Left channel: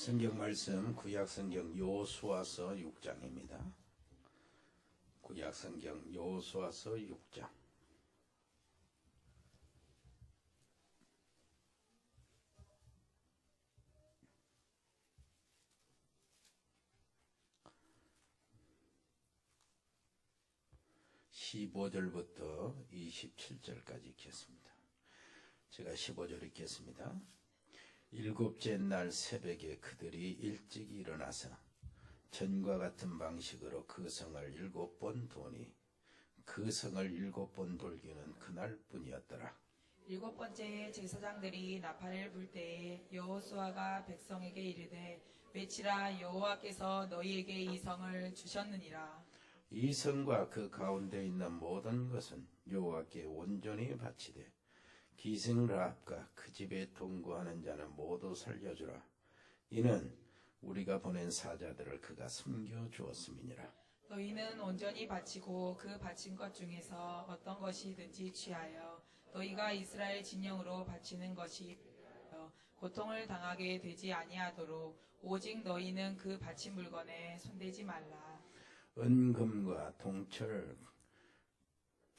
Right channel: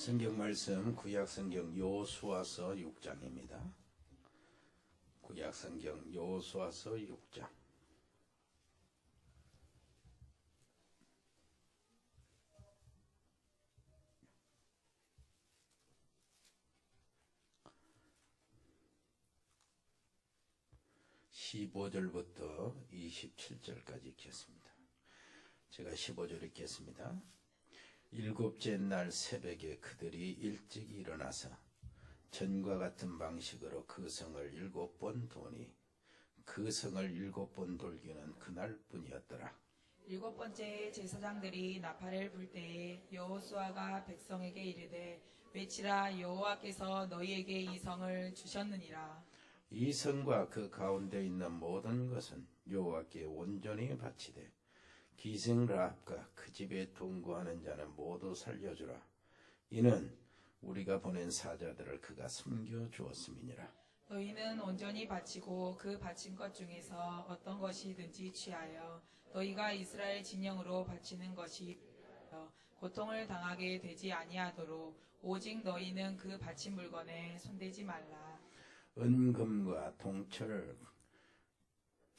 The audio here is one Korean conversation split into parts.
성경 말씀 구약성경 여호수아서 6장입니다. 구약성경 여호수아서 6장. (15절부터) (27절까지) 읽겠습니다. 제가 15절 읽겠습니다. 일곱째 날 새벽에 그들이 일찍 일어나서 전과 같은 방식으로 그 성을 7번 도니 그 성을 7번 돌기는 그날뿐이었더라. 7번째 제사장들이 나팔을 불 때에 여호수아가 백성에게 이르되 외치라, 여호와께서 너희에게 이 성을 주셨느니라. 이 성과 그 가운데 있는 모든 것은 여호와께 온전히 바치되 기생 라합과 그 집에 동거하는 자는 모두 살려주라. 이는 우리가 보낸 사자들을 그가 섬겨 주었음이니라. 너희는 온전히 바치고 그 바친 것 중에서 어떤 것이든지 취하여 너희가 이스라엘 진영으로 바치는 것이 고통을 당하게 되지 아니하도록 오직 너희는 그 바친 물건에 손대지 말라. 은금과 동철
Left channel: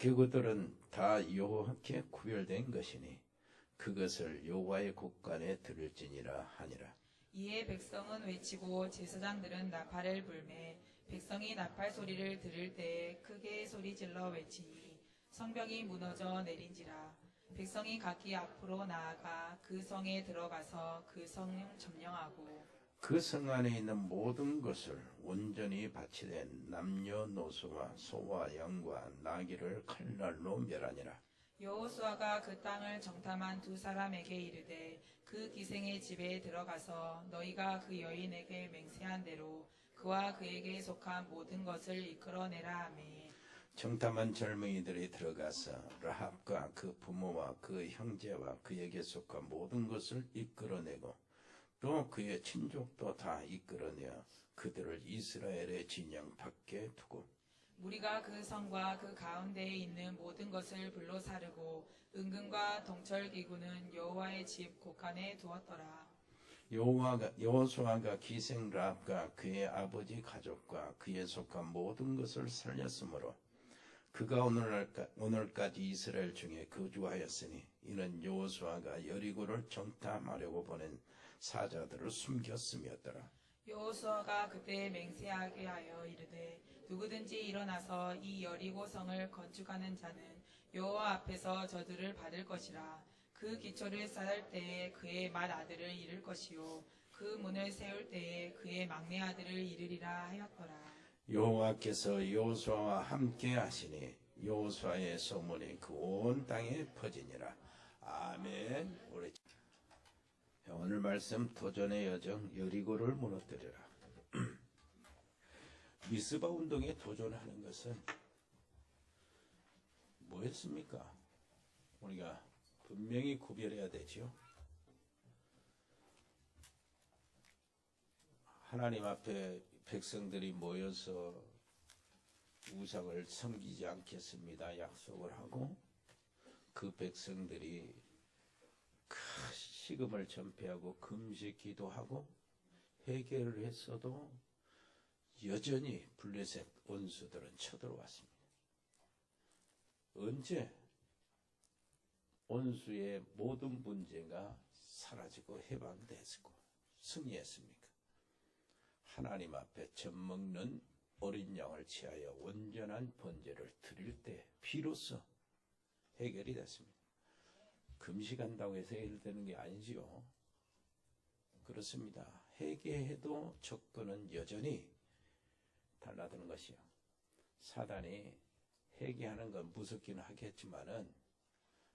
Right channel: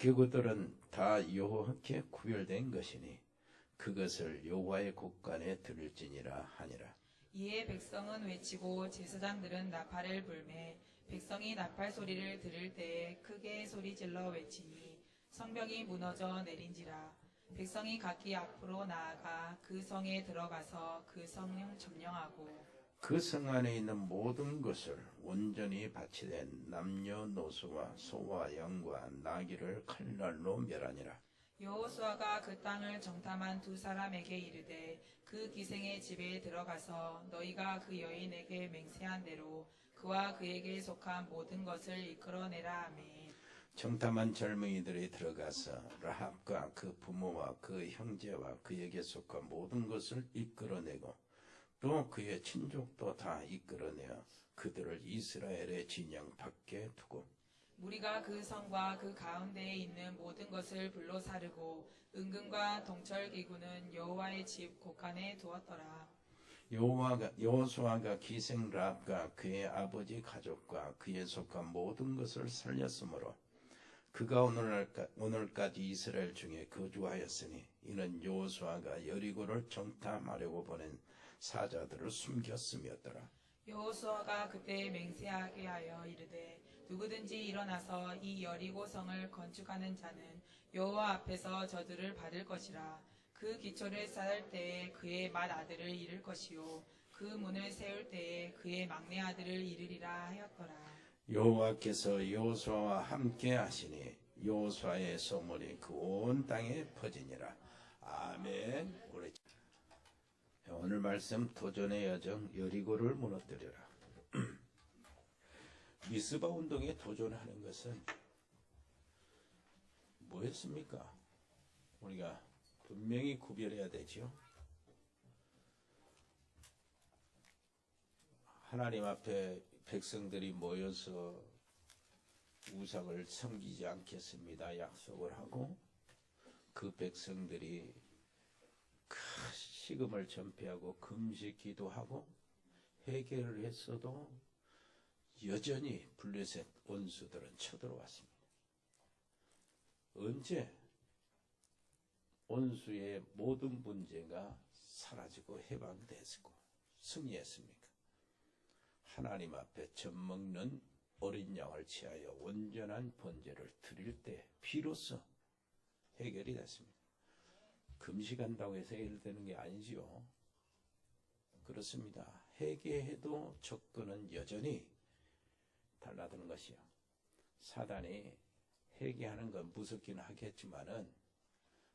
그것들은 다 여호와께 구별된 것이니 그것을 여호와의 곳간에 들을지니라 하니라. 이에 백성은 외치고 제사장들은 나팔을 불매 백성이 나팔 소리를 들을 때에 크게 소리질러 외치니 성벽이 무너져 내린지라. 백성이 각기 앞으로 나아가 그 성에 들어가서 그 성 점령하고 그 성 안에 있는 모든 것을 온전히 바치된 남녀노소와 소와 양과 나귀를 칼날로 멸하니라. 여호수아가 그 땅을 정탐한 두 사람에게 이르되 그 기생의 집에 들어가서 너희가 그 여인에게 맹세한 대로 그와 그에게 속한 모든 것을 이끌어내라 하매 정탐한 젊은이들이 들어가서 라합과 그 부모와 그 형제와 그에게 속한 모든 것을 이끌어내고 또 그의 친족도 다 이끌어내어 그들을 이스라엘의 진영 밖에 두고 무리가 그 성과 그 가운데에 있는 모든 것을 불로 사르고 은금과 동철 기구는 여호와의 집 곳간에 두었더라. 여호수아가 기생 라합과 그의 아버지 가족과 그에 속한 모든 것을 살렸으므로 그가 오늘까지 이스라엘 중에 거주하였으니 이는 여호수아가 여리고를 정탐하려고 보낸 사자들을 숨겼음이었더라. 여호수아가 그때 맹세하게 하여 이르되 누구든지 일어나서 이 여리고 성을 건축하는 자는 여호와 앞에서 저주를 받을 것이라. 그 기초를 쌓을 때에 그의 맏아들을 잃을 것이요 그 문을 세울 때에 그의 막내 아들을 잃으리라 하였더라. 여호와께서 여호수아와 함께 하시니 여호수아의 소문이 그 온 땅에 퍼지니라. 아멘. 오늘 말씀 도전의 여정 여리고를 무너뜨려라. 미스바 운동에 도전하는 것은 뭐였습니까? 우리가 분명히 구별해야 되죠. 하나님 앞에 백성들이 모여서 우상을 섬기지 않겠습니다 약속을 하고 그 백성들이 식음을 전폐하고 금식 기도하고 회개를 했어도 여전히 블레셋 원수들은 쳐들어왔습니다. 언제 원수의 모든 문제가 사라지고 해방됐고 승리했습니까? 하나님 앞에 젖먹는 어린 양을 취하여 온전한 번제를 드릴 때 비로소 해결이 됐습니다. 금식한다고 해서 해결되는 게 아니지요. 그렇습니다. 회개해도 조건은 여전히 달라드는 것이요. 사단이 회개하는 건 무섭긴 하겠지만은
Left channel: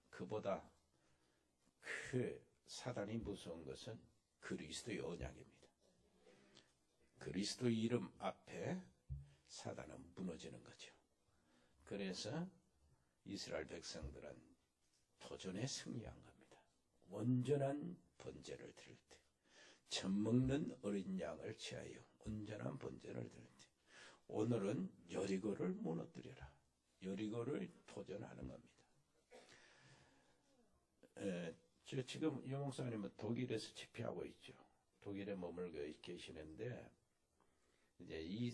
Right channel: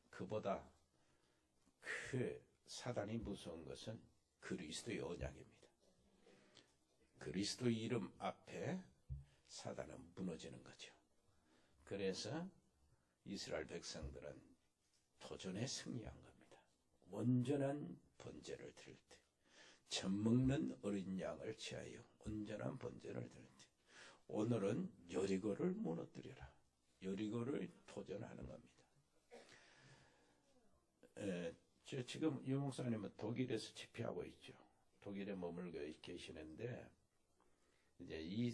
그보다 그 사단이 무서운 것은 그리스도의 언약입니다. 그리스도 이름 앞에 사단은 무너지는 거죠. 그래서 이스라엘 백성들은 도전에 승리한 겁니다. 온전한 번제를 드릴 때, 젖먹는 어린 양을 취하여 온전한 번제를 드릴 때, 오늘은 여리고를 무너뜨려라. 여리고를 도전하는 겁니다. 지금 유 목사님은 독일에서 집회하고 있죠. 독일에 머물고 계시는데 이제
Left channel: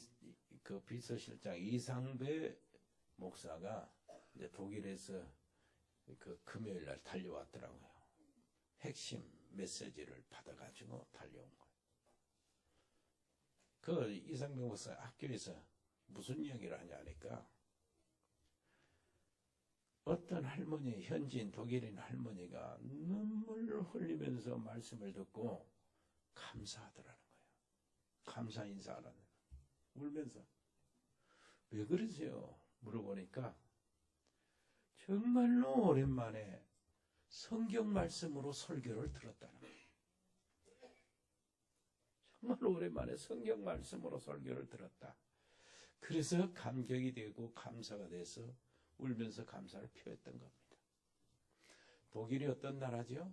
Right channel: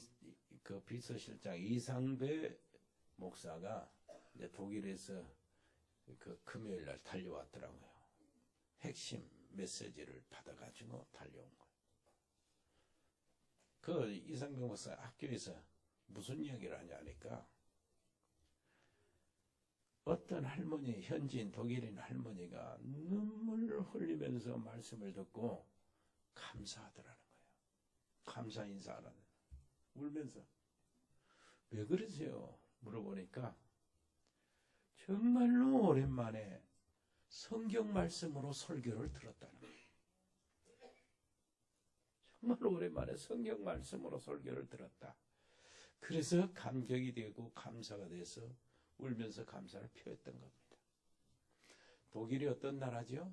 그 비서실장 이상배 목사가 이제 독일에서 그 금요일 날 달려왔더라고요. 핵심 메시지를 받아가지고 달려온 거예요. 그 이상배 목사 학교에서 무슨 이야기를 하냐니까 어떤 할머니, 현지인 독일인 할머니가 눈물을 흘리면서 말씀을 듣고 감사하더라는 거예요. 감사 인사하라는 거예요. 울면서. 왜 그러세요? 물어보니까 정말로 오랜만에 성경 말씀으로 설교를 들었다는 거예요. 정말 오랜만에 성경 말씀으로 설교를 들었다. 그래서 감격이 되고 감사가 돼서 울면서 감사를 표했던 겁니다. 독일이 어떤 나라죠?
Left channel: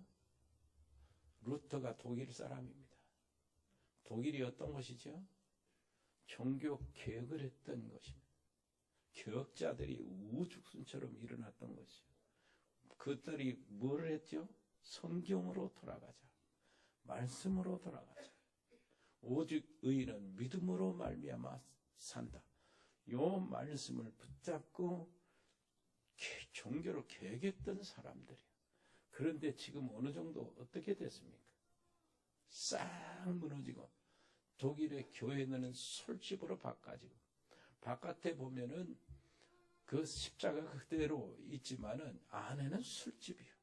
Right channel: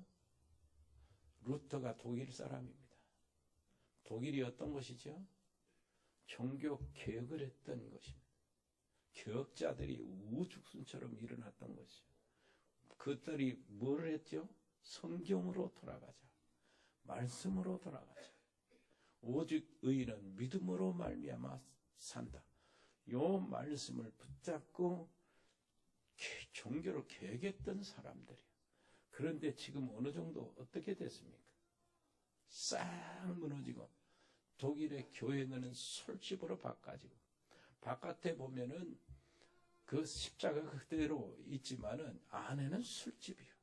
루터가 독일 사람입니다. 독일이 어떤 것이죠? 종교 개혁을 했던 것입니다. 개혁자들이 우죽순처럼 일어났던 것이죠. 그들이 뭘 했죠? 성경으로 돌아가자. 말씀으로 돌아가자. 오직 의인은 믿음으로 말미암아 산다. 요 말씀을 붙잡고 종교를 개혁했던 사람들이에요. 그런데 지금 어느 정도 어떻게 됐습니까? 싹 무너지고 독일의 교회는 술집으로 바꿔지고 바깥에 보면은 그 십자가 그대로 있지만은 안에는 술집이요.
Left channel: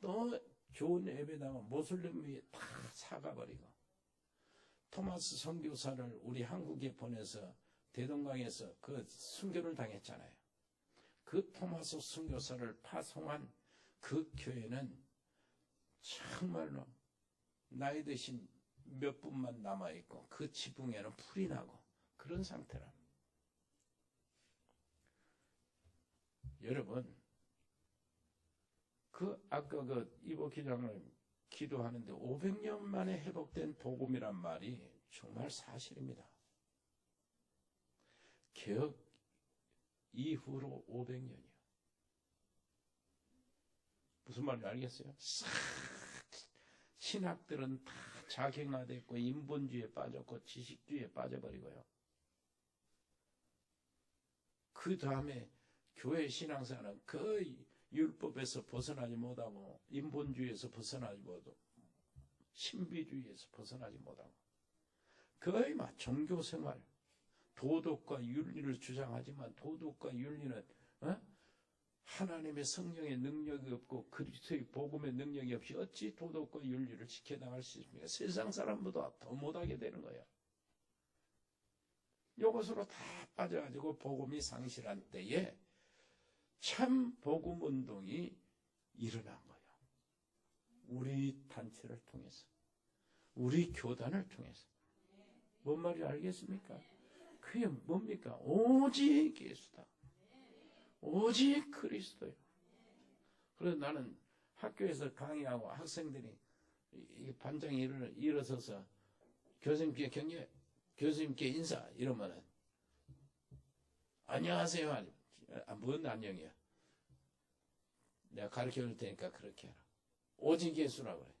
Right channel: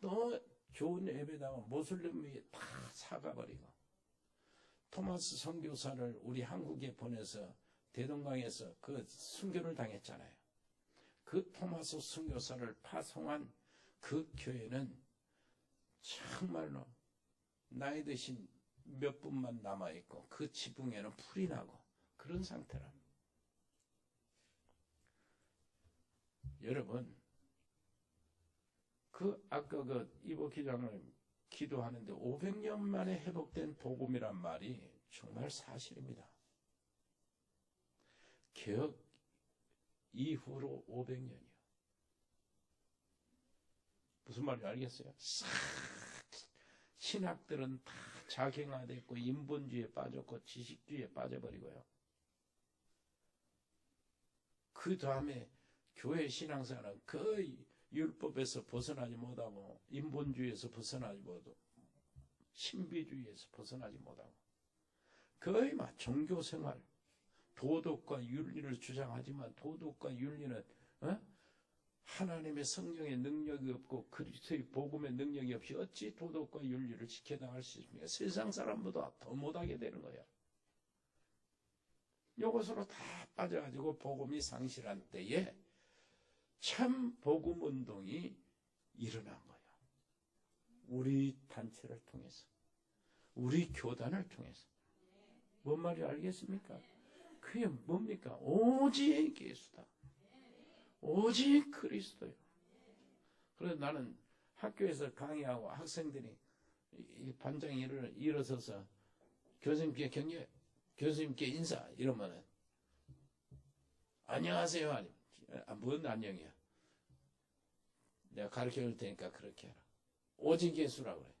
또 좋은 예배당은 모슬림이 다 사가버리고 토마스 선교사를 우리 한국에 보내서 대동강에서 그 순교를 당했잖아요. 그 토마스 선교사를 파송한 그 교회는 정말로 나이 드신 몇 분만 남아있고 그 지붕에는 풀이 나고 그런 상태랍니다. 여러분, 아까 이보 기장을 기도하는데 500년 만에 회복된 복음이란 말이 정말 사실입니다. 개혁 이후로 500년이요. 무슨 말인지 알겠어요? 싹 신학들은 다 자경화됐고 인본주의에 빠졌고 지식주의에 빠져버리고요. 그 다음에 교회 신앙사는 거의 율법에서 벗어나지 못하고 인본주의에서 벗어나지 못하고 신비주의에서 벗어나지 못하고 거의 막 종교생활 도덕과 윤리를 주장하지만 도덕과 윤리는 하나님의 성령의 능력이 없고 그리스도의 복음의 능력이 없이 어찌 도덕과 윤리를 지켜나갈 수 있습니까? 세상 사람보다 더 못하게 되는 거예요. 이것으로 다 빠져가지고 복음이 상실한 때에 참 복음 운동이 일어난 거예요. 우리 단체를 통해서, 우리 교단을 통해서. 뭔 말인지 알겠습니까? 그게 뭡니까? 오직 예수다. 오직 그리스도요. 그래서 나는 학교에서 강의하고 학생들이 반장이 일어서서 교수님께 교수님께 인사 이러면은 안녕하세요. 뭔 안녕이야. 내가 가르쳐 줄 테니까 그렇게 하라. 오직 예수라고 그래.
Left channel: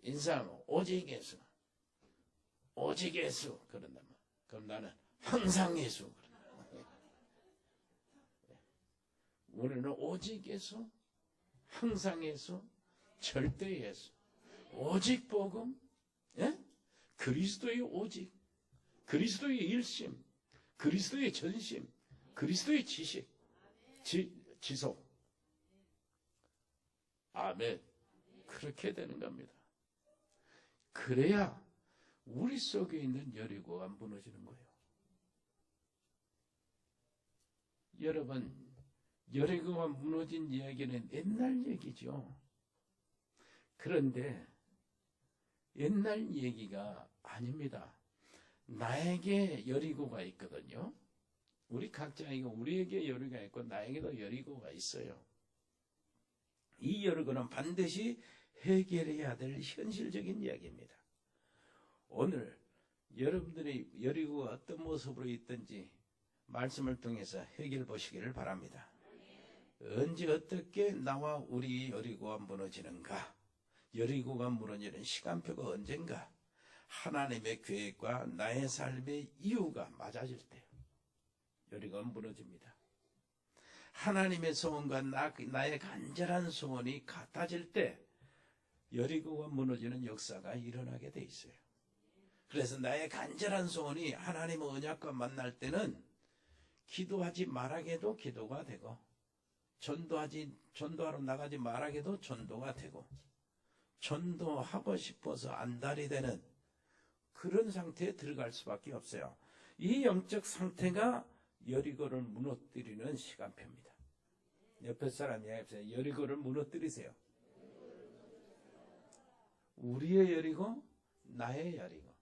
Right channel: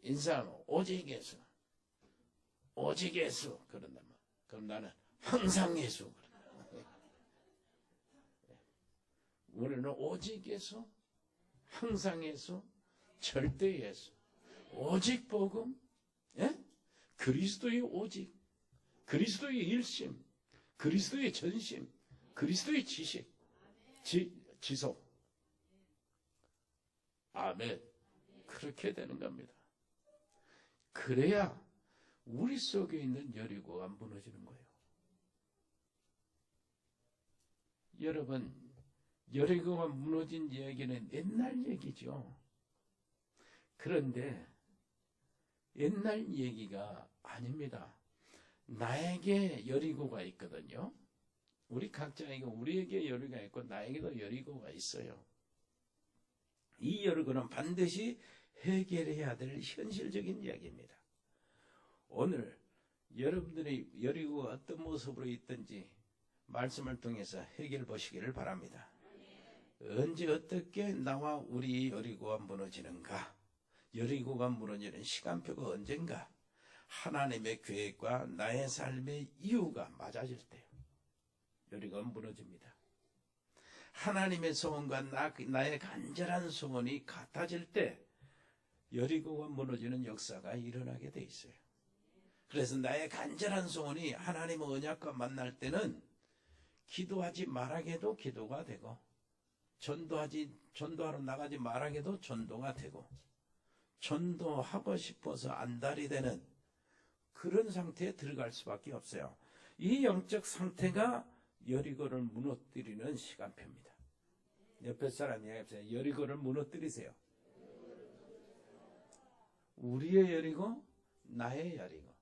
인사하면 오직 예수. 오직 예수. 그런단 말이야. 그럼 나는 항상 예수. 우리는 오직 예수, 항상 예수, 절대 예수. 오직 복음, 예? 그리스도의 오직, 그리스도의 일심, 그리스도의 전심, 그리스도의 지식, 지속. 아멘. 그렇게 되는 겁니다. 그래야 우리 속에 있는 여리고가 무너지는 거예요. 여러분, 여리고가 무너진 이야기는 옛날 얘기죠. 그런데 옛날 얘기가 아닙니다. 나에게 여리고가 있거든요. 우리 각자에게 우리에게 여리고가 있고 나에게도 여리고가 있어요. 이 여리고는 반드시 해결해야 될 현실적인 이야기입니다. 오늘 여러분들의 여리고가 어떤 모습으로 있든지 말씀을 통해서 해결해 보시기를 바랍니다. 언제 어떻게 나와 우리 여리고가 무너지는가? 여리고가 무너지는 시간표가 언젠가? 하나님의 계획과 나의 삶의 이유가 맞아질 때요. 여리고가 무너집니다. 하나님의 소원과 나의 간절한 소원이 같아질 때 여리고가 무너지는 역사가 일어나게 돼 있어요. 그래서 나의 간절한 소원이 하나님의 언약과 만날 때는 기도하지 말아게도 기도가 되고, 전도하러 나가지 말아게도 전도가 되고, 전도하고 싶어서 안달이 되는 그런 상태에 들어갈 수밖에 없어요. 이 영적 상태가 여리고를 무너뜨리는 시간표입니다. 옆에 사람 이야기해보세요. 여리고를 무너뜨리세요. 우리의 여리고, 나의 여리고,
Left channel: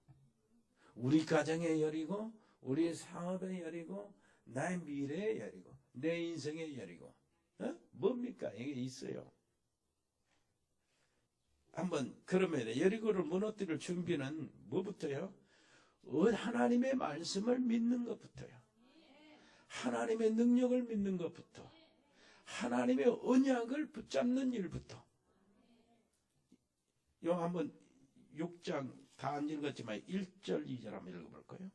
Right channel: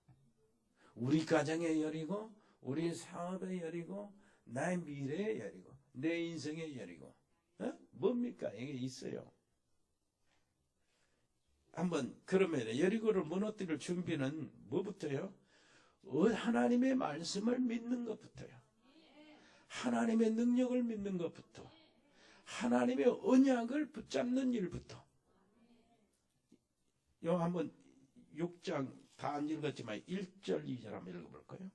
우리 가정의 여리고, 우리 사업의 여리고, 나의 미래의 여리고, 내 인생의 여리고. 뭡니까? 이게 있어요. 한번 그러면 여리고를 무너뜨릴 준비는 뭐부터요? 하나님의 말씀을 믿는 것부터요. 하나님의 능력을 믿는 것부터, 하나님의 언약을 붙잡는 일부터. 요 한번 6장 다 안 읽었지만 1절 2절 한번 읽어볼까요?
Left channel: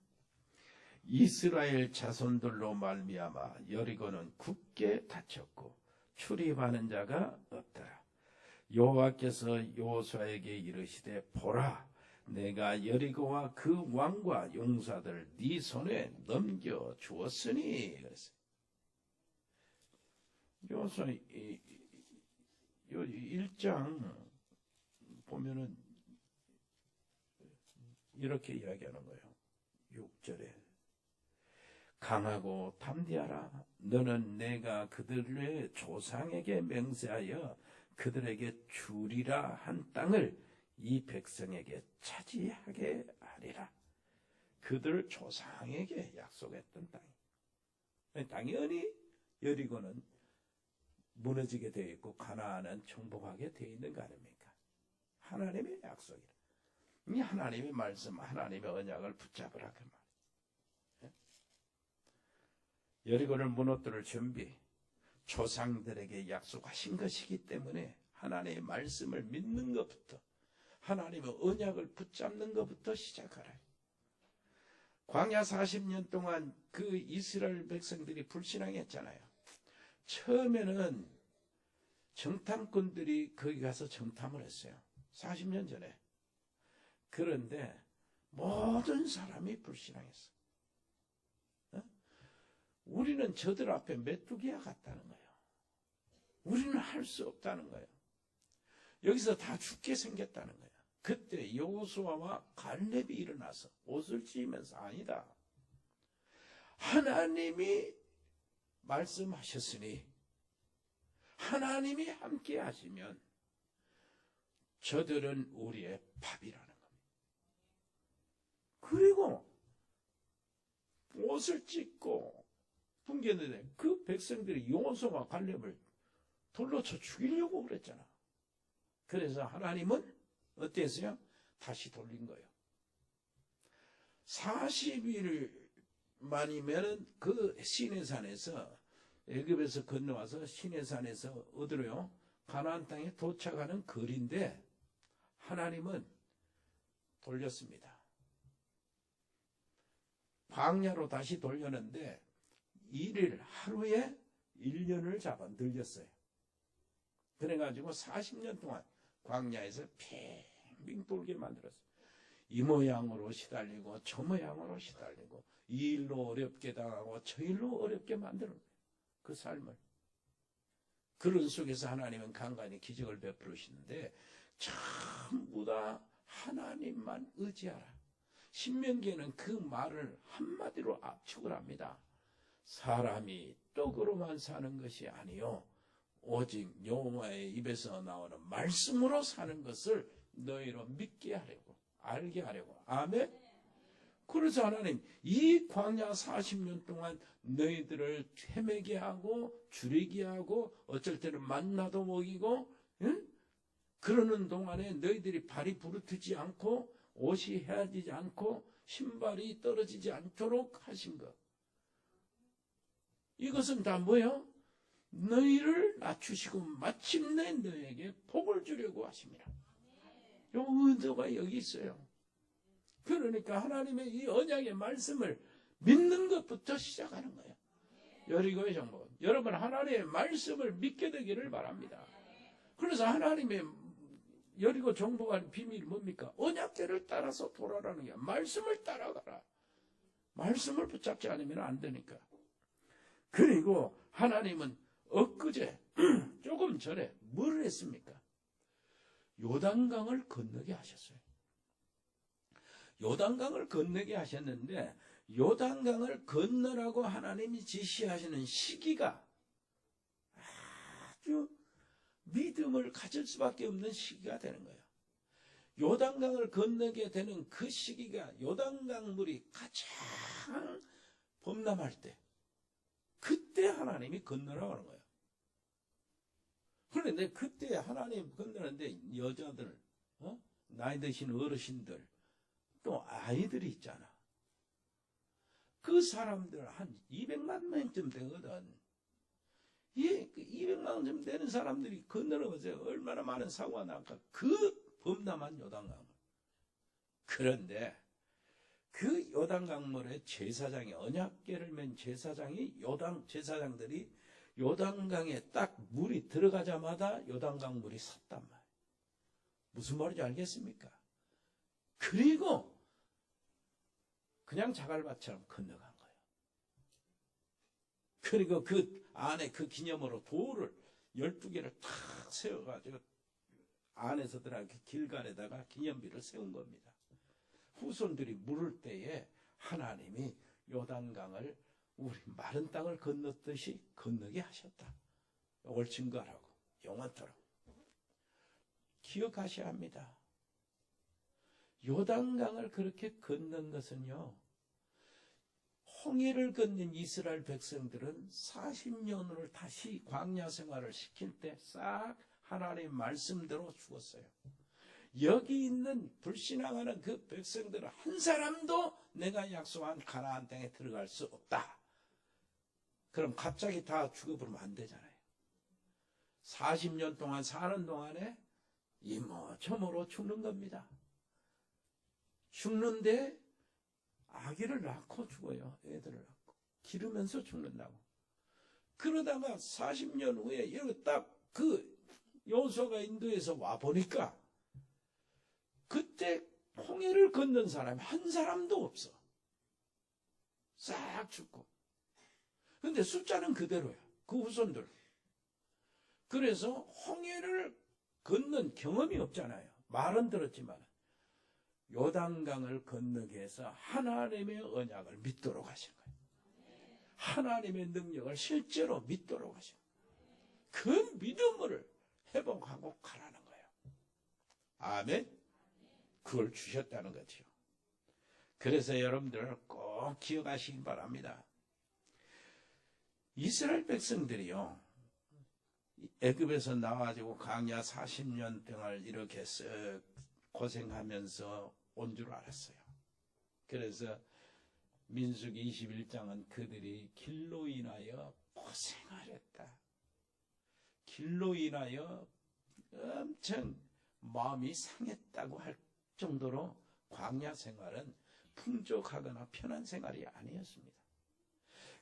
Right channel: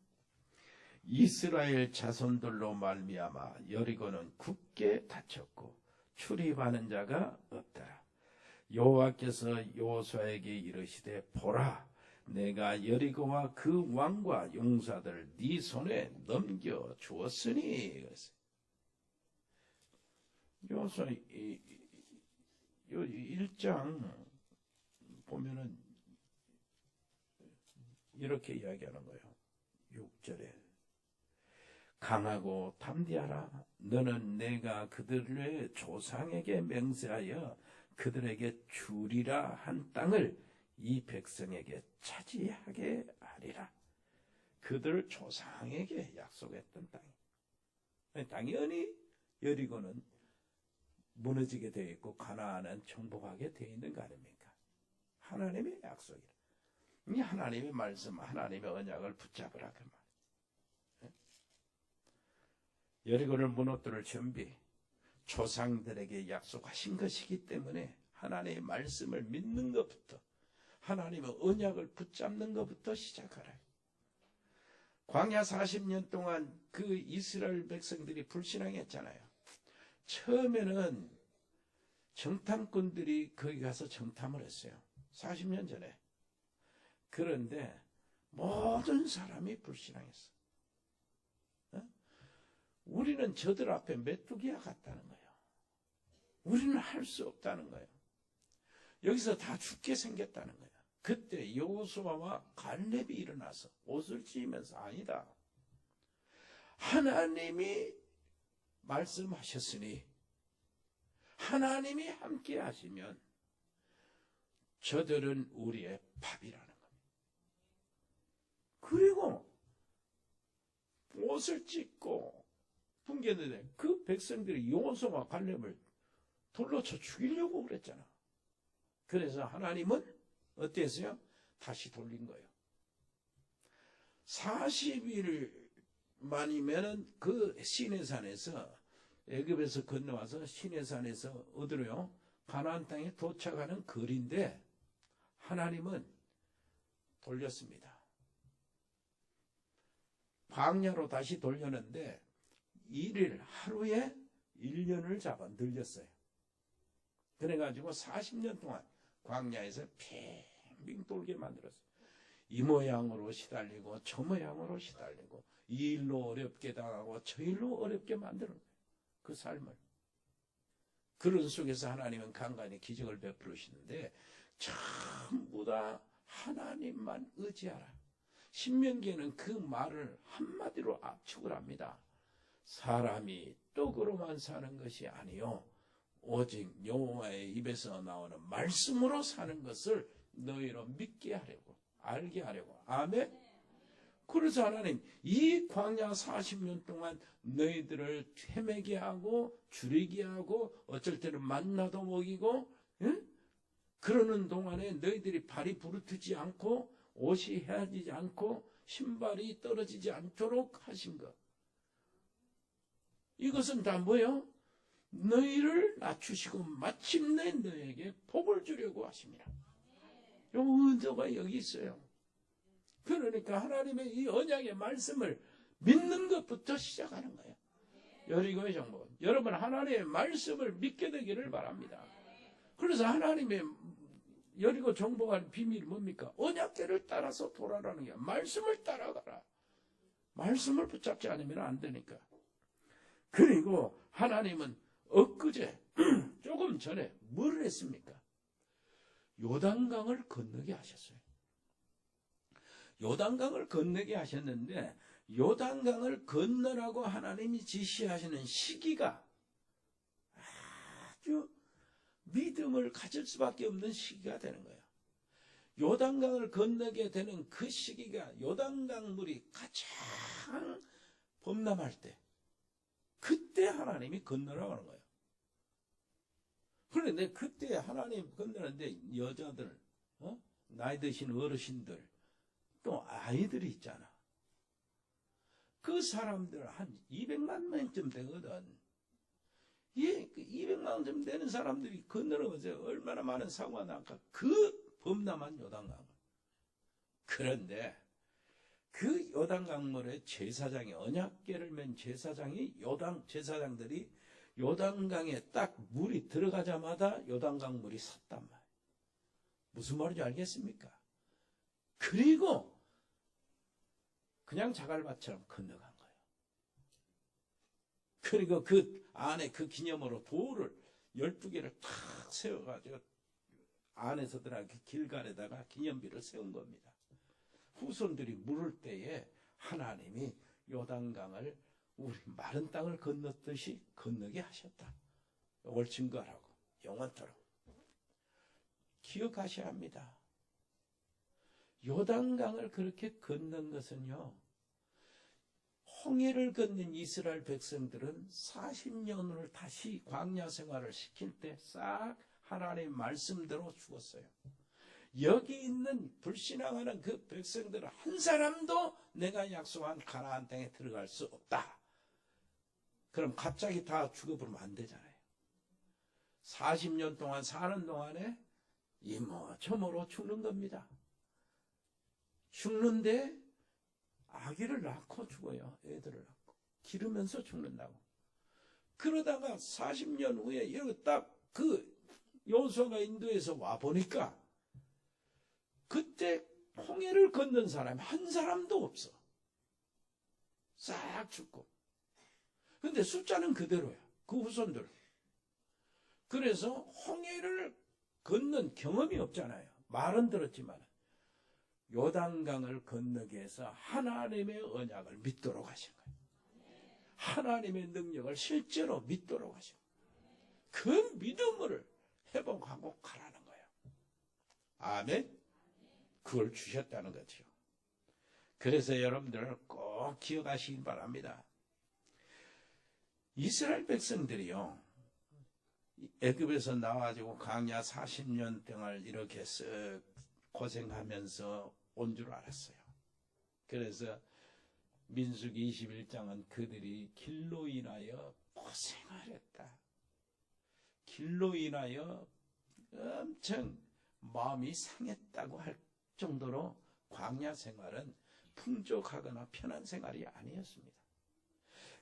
이스라엘 자손들로 말미암아 여리고는 굳게 닫혔고 출입하는 자가 없더라. 여호와께서 여호수아에게 이르시되 보라, 내가 여리고와 그 왕과 용사들 네 손에 넘겨 주었으니. 그랬어요. 여호수아 1장 보면은 이렇게 이야기하는 거예요. 6절에 강하고 담대하라. 너는 내가 그들의 조상에게 맹세하여 그들에게 주리라 한 땅을 이 백성에게 차지하게 하리라. 그들 조상에게 약속했던 땅이. 당연히 여리고는 무너지게 되어 있고 가나안은 정복하게 되어 있는 거 아닙니까? 하나님의 약속이라. 이 하나님의 말씀, 하나님의 언약을 붙잡으라 그 말. 여리고를 무너뜨릴 준비, 조상들에게 약속하신 것이기 때문에 하나님의 말씀을 믿는 것부터, 하나님의 언약을 붙잡는 것부터 시작하라. 광야 40년 동안 그 이스라엘 백성들이 불신앙했잖아요. 처음에는 정탐꾼들이 거기 가서 정탐을 했어요. 40년 전에. 그런데 모든 사람이 불신앙했어. 우리는 저들 앞에 메뚜기와 같다는 거예요. 우리는 할 수 없다는 거예요. 여기서 다 죽게 생겼다는 거예요. 그때 여호수아와 갈렙이 일어나서 옷을 찢으면서 아니다. 하나님이 말씀하셨으니 하나님이 함께 하시면 저들은 우리의 밥이라는 겁니다. 그리고 옷을 찢고 풍겼는데 그 백성들이 여호수아와 갈렙을 돌로 쳐 죽이려고 그랬잖아. 그래서 하나님은 어땠어요? 다시 돌린 거예요. 40일 만이면은 그 시내산에서 애굽에서 건너와서 시내산에서 어디로요? 가나안 땅에 도착하는 거리인데 하나님은 돌렸습니다. 광야로 다시 돌렸는데 1일 하루에 1년을 잡아 늘렸어요. 그래가지고 40년 동안 광야에서 빙빙 돌게 만들었어요. 이 모양으로 시달리고 저 모양으로 시달리고 이 일로 어렵게 당하고 저 일로 어렵게 만드는 거예요. 그 삶을. 그런 속에서 하나님은 간간히 기적을 베풀으시는데 전부 다 하나님만 의지하라. 신명기에는 그 말을 한마디로 압축을 합니다. 사람이 떡으로만 사는 것이 아니요 오직 여호와의 입에서 나오는 말씀으로 사는 것을 너희로 믿게 하려고, 알게 하려고. 아멘. 그래서 하나님 이 광야 40년 동안 너희들을 헤매게 하고 줄이게 하고 어쩔 때는 만나도 먹이고, 응? 그러는 동안에 너희들이 발이 부르트지 않고 옷이 헤어지지 않고 신발이 떨어지지 않도록 하신 것. 이것은 다 뭐예요? 너희를 낮추시고 마침내 너희에게 복을 주려고 하십니다. 요 은혜가 여기 있어요. 그러니까 하나님의 이 언약의 말씀을 믿는 것부터 시작하는 거예요. 여리고의 정복은 여러분 하나님의 말씀을 믿게 되기를 바랍니다. 그래서 하나님의 여리고 정복한 비밀이 뭡니까? 언약궤를 따라서 돌아가는 거야. 말씀을 따라가라. 말씀을 붙잡지 않으면 안 되니까. 그리고 하나님은 엊그제 조금 전에 뭘 했습니까? 요단강을 건너게 하셨어요. 요단강을 건너게 하셨는데 요단강을 건너라고 하나님이 지시하시는 시기가 아주 믿음을 가질 수밖에 없는 시기가 되는 거예요. 요단강을 건너게 되는 그 시기가 요단강 물이 가장 범람할 때 그때 하나님이 건너라고 하는 거예요. 그런데 그때 하나님 건너는데 여자들, 나이 드신 어르신들, 또 아이들이 있잖아. 그 사람들 한 200만 명쯤 되거든. 예, 그 200만 명 되는 사람들이 건너면서 얼마나 많은 사고가 날까. 그 범람한 요단강. 그런데 그 요단강물에 제사장이 언약궤를 맨 제사장이 제사장들이 요단강에 딱 물이 들어가자마자 요단강 물이 섰단 말이에요. 무슨 말인지 알겠습니까? 그리고 그냥 자갈밭처럼 건너간 거예요. 그리고 그 안에 그 기념으로 돌을 12개를 탁 세워가지고 안에서 들어간 길갈에다가 기념비를 세운 겁니다. 후손들이 물을 때에 하나님이 요단강을 우리 마른 땅을 건넜듯이 건너게 하셨다. 이걸 증거하라고 영원토록 기억하셔야 합니다. 요단강을 그렇게 건넌 것은요, 홍해를 건넌 이스라엘 백성들은 40년을 다시 광야 생활을 시킬 때 싹 하나님의 말씀대로 죽었어요. 여기 있는 불신앙하는 그 백성들은 한 사람도 내가 약속한 가나안 땅에 들어갈 수 없다. 그럼 갑자기 다 죽어버리면 안 되잖아요. 40년 동안 사는 동안에 이모저모로 죽는 겁니다. 죽는데 아기를 낳고 죽어요. 애들을 낳고. 기르면서 죽는다고. 그러다가 40년 후에 여기 딱 그 여호수아가 인도에서 와보니까 그때 홍해를 건넌 사람이 한 사람도 없어. 싹 죽고. 근데 숫자는 그대로야. 그 후손들. 그래서 홍해를 건넌 경험이 없잖아요. 말은 들었지만 요단강을 건너게 해서 하나님의 언약을 믿도록 하신 거예요. 하나님의 능력을 실제로 믿도록 하신 거예요. 그 믿음을 회복하고 가라는 거예요. 아멘. 그걸 주셨다는 거죠. 그래서 여러분들 꼭 기억하시기 바랍니다. 이스라엘 백성들이요, 애굽에서 나와가지고 광야 40년 동안 이렇게 쓱 고생하면서 온 줄 알았어요. 그래서 민수기 21장은 그들이 길로 인하여 고생을 했다. 길로 인하여 엄청 마음이 상했다고 할 정도로 광야 생활은 풍족하거나 편한 생활이 아니었습니다.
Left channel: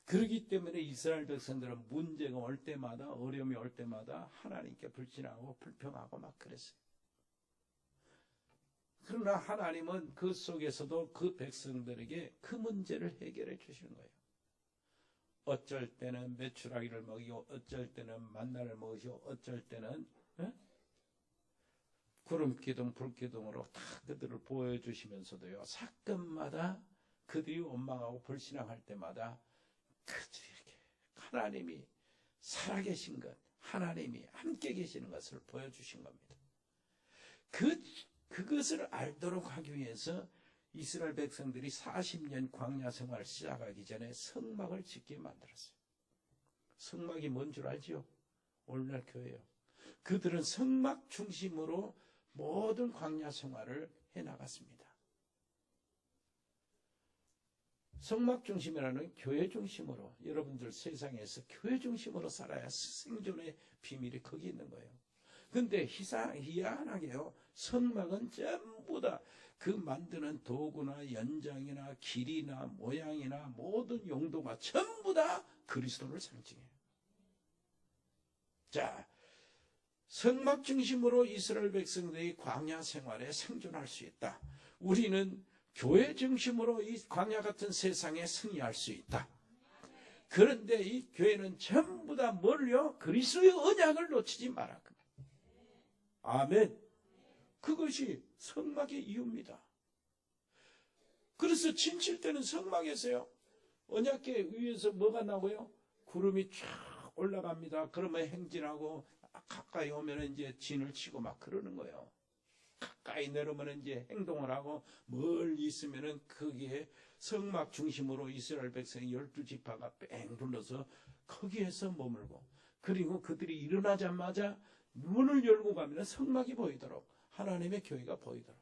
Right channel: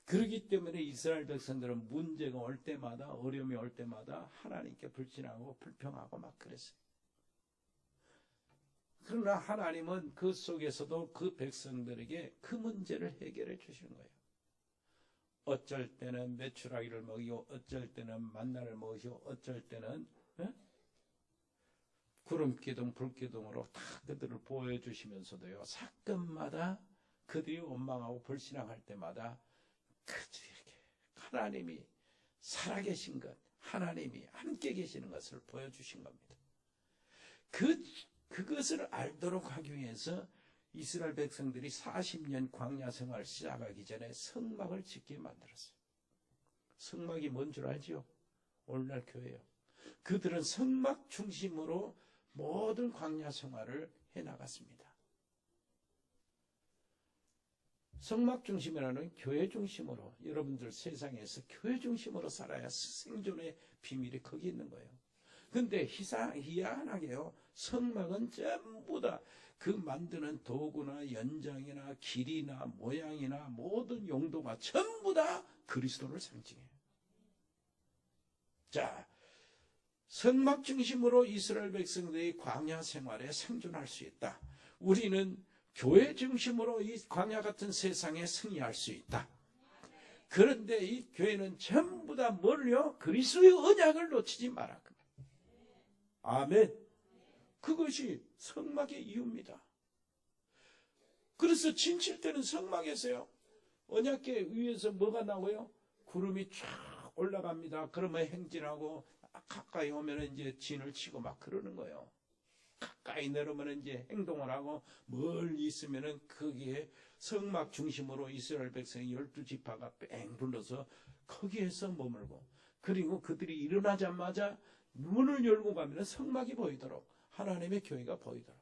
그렇기 때문에 이스라엘 백성들은 문제가 올 때마다, 어려움이 올 때마다 하나님께 불신하고 불평하고 막 그랬어요. 그러나 하나님은 그 속에서도 그 백성들에게 그 문제를 해결해 주시는 거예요. 어쩔 때는 메추라기를 먹이고, 어쩔 때는 만나를 먹이고, 어쩔 때는 구름기둥, 불기둥으로 다 그들을 보여주시면서도요, 사건마다 그들이 원망하고 불신앙할 때마다 그들이 이렇게 하나님이 살아계신 것, 하나님이 함께 계시는 것을 보여주신 겁니다. 그것을 알도록 하기 위해서 이스라엘 백성들이 40년 광야 생활을 시작하기 전에 성막을 짓게 만들었어요. 성막이 뭔 줄 알지요? 오늘날 교회예요. 그들은 성막 중심으로 모든 광야 생활을 해나갔습니다. 성막 중심이라는 교회 중심으로, 여러분들 세상에서 교회 중심으로 살아야 생존의 비밀이 거기 있는 거예요. 근데 희한하게요, 성막은 전부 다 그 만드는 도구나 연장이나 길이나 모양이나 모든 용도가 전부 다 그리스도를 상징해요. 자, 성막 중심으로 이스라엘 백성들이 광야 생활에 생존할 수 있다. 우리는 교회 중심으로 이 광야 같은 세상에 승리할 수 있다. 그런데 이 교회는 전부 다 뭘요? 그리스도의 언약을 놓치지 말아. 아멘. 그것이 성막의 이유입니다. 그래서 진칠 때는 성막에서요. 언약궤 위에서 뭐가 나고요? 구름이 쫙 올라갑니다. 그러면 행진하고 가까이 오면 이제 진을 치고 막 그러는 거예요. 가까이 내려오면 이제 행동을 하고 멀리 있으면은 거기에 성막 중심으로 이스라엘 백성이 12지파가 뺑 둘러서 거기에서 머물고, 그리고 그들이 일어나자마자 문을 열고 가면 성막이 보이도록, 하나님의 교회가 보이도록.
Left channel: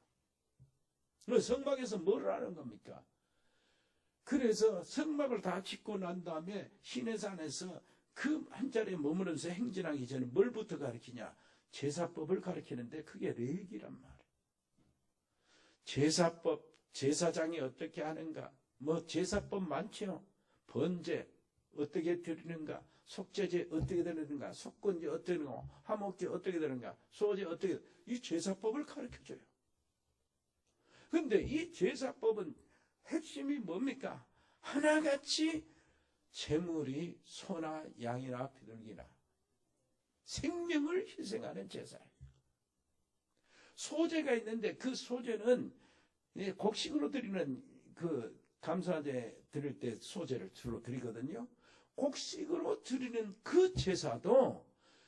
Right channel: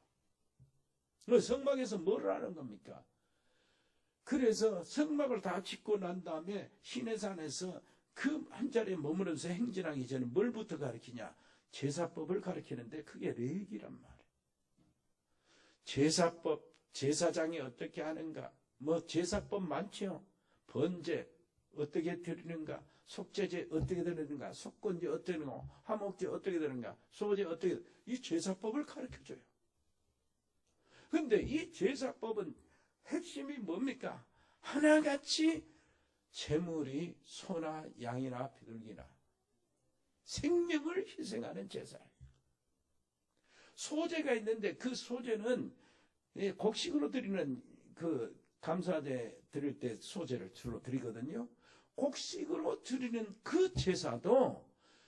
성막에서 뭘 하는 겁니까? 그래서 성막을 다 짓고 난 다음에 시내산에서 그 한 자리에 머무르면서 행진하기 전에 뭘부터 가르치냐? 제사법을 가르치는데 그게 레위기란 말이에요. 제사법, 제사장이 어떻게 하는가? 뭐 제사법 많죠. 번제 어떻게 드리는가? 속죄제 어떻게 드리는가? 속건제 어떻게 되는가? 화목제 어떻게 되는가? 소제 어떻게, 이 제사법을 가르쳐줘요. 근데 이 제사법은 핵심이 뭡니까? 하나같이 제물이 소나 양이나 비둘기나 생명을 희생하는 제사예요. 소제가 있는데 그 소제는 곡식으로 드리는 그 감사제 드릴 때 소제를 주로 드리거든요. 곡식으로 드리는 그 제사도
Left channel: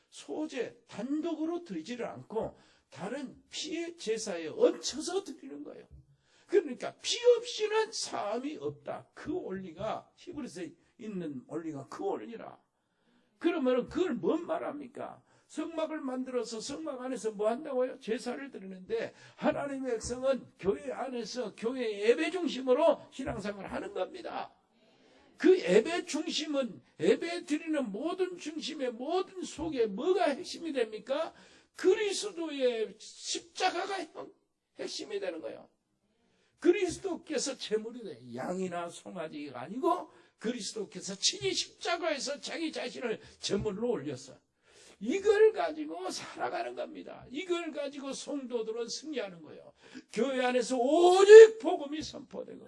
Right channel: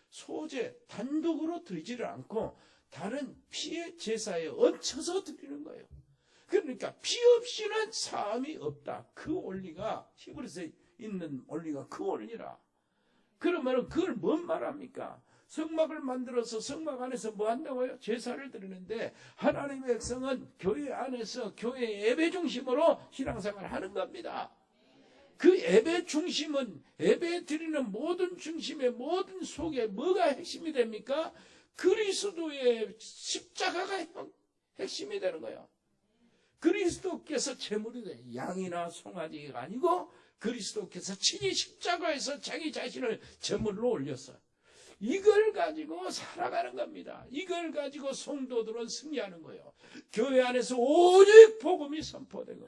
소제 단독으로 드리지를 않고 다른 피의 제사에 얹혀서 드리는 거예요. 그러니까 피 없이는 사함이 없다. 그 원리가 히브리서에 있는 원리가 그 원리라. 그러면 그걸 뭔 말합니까? 성막을 만들어서 성막 안에서 뭐 한다고요? 제사를 드리는데 하나님의 백성은 교회 안에서 교회 예배 중심으로 신앙생활을 하는 겁니다. 그 예배 중심은 예배 드리는 모든 중심의 모든 속에 뭐가 핵심이 됩니까? 그리스도의 십자가가 핵심이 되는 거예요. 그리스도께서 제물이 돼. 양이나 송아지가 아니고 그리스도께서 친히 십자가에서 자기 자신을 제물로 올렸어. 이걸 가지고 살아가는 겁니다. 이걸 가지고 성도들은 승리하는 거예요. 교회 안에서 오직 복음이 선포되고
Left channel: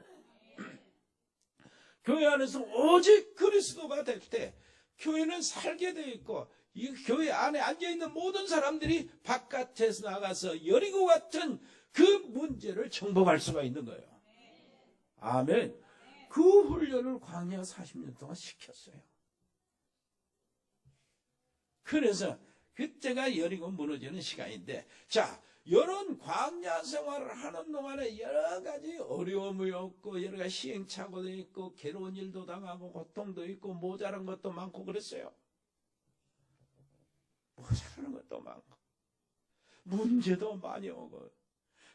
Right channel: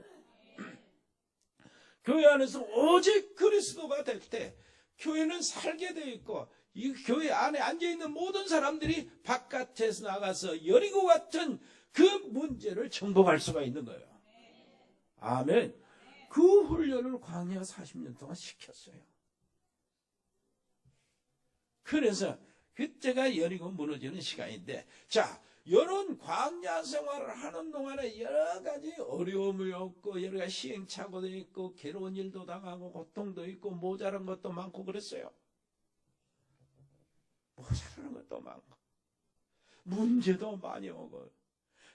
교회 안에서 오직 그리스도가 될 때 교회는 살게 되어 있고 이 교회 안에 앉아있는 모든 사람들이 바깥에서 나가서 여리고 같은 그 문제를 정복할 수가 있는 거예요. 아멘. 그 훈련을 광야 40년 동안 시켰어요. 그래서 그때가 여리고 무너지는 시간인데, 자, 이런 광야 생활을 하는 동안에 여러 가지 어려움이 없고 여러 가지 시행착오도 있고 괴로운 일도 당하고 고통도 있고 모자란 것도 많고 그랬어요. 모자라는 것도 많고 문제도 많이 오고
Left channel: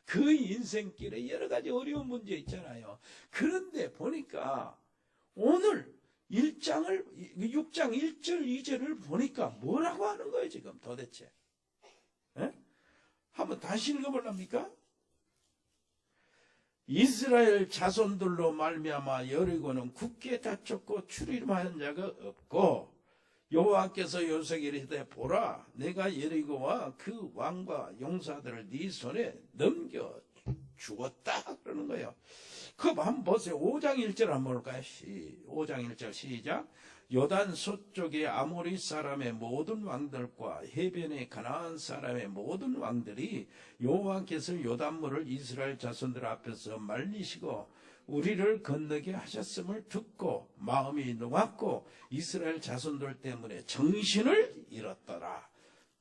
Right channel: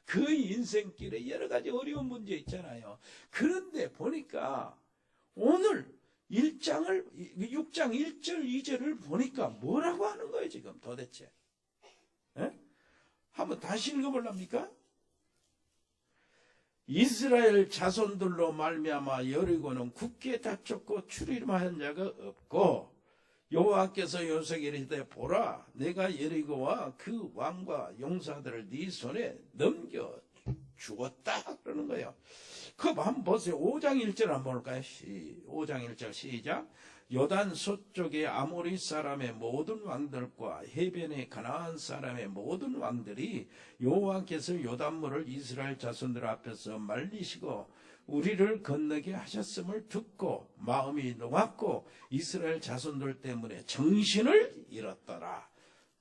그 인생길에 여러 가지 어려운 문제 있잖아요. 그런데 보니까 오늘 6장 1절 2절을 보니까 뭐라고 하는 거예요 지금 도대체? 에? 한번 다시 읽어볼랍니까? 이스라엘 자손들로 말미암아 여리고는 굳게 닫혔고 출입하는 자가 없고 여호와께서 요셉에게 이르시되 보라 내가 여리고와 그 왕과 용사들을 네 손에 넘겨 주었다 그러는 거예요. 그럼 한번 보세요. 5장 1절 한번 볼까요? 5장 1절 시작. 요단 서쪽의 아모리 사람의 모든 왕들과 해변의 가나안 사람의 모든 왕들이 여호와께서 요단물을 이스라엘 자손들 앞에서 말리시고 우리를 건너게 하셨음을 듣고 마음이 녹았고 이스라엘 자손들 때문에 정신을 잃었더라.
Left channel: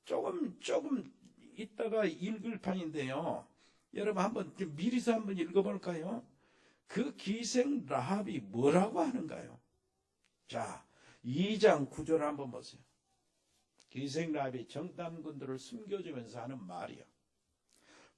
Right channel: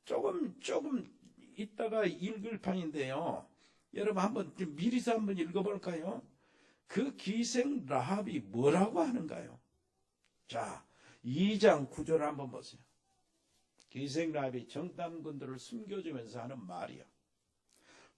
조금 이따가 읽을 판인데요. 여러분 한번 미리서 한번 읽어볼까요? 그 기생 라합이 뭐라고 하는가요? 자, 2장 9절 한번 보세요. 기생 라합이 정탐꾼들을 숨겨주면서 하는 말이야.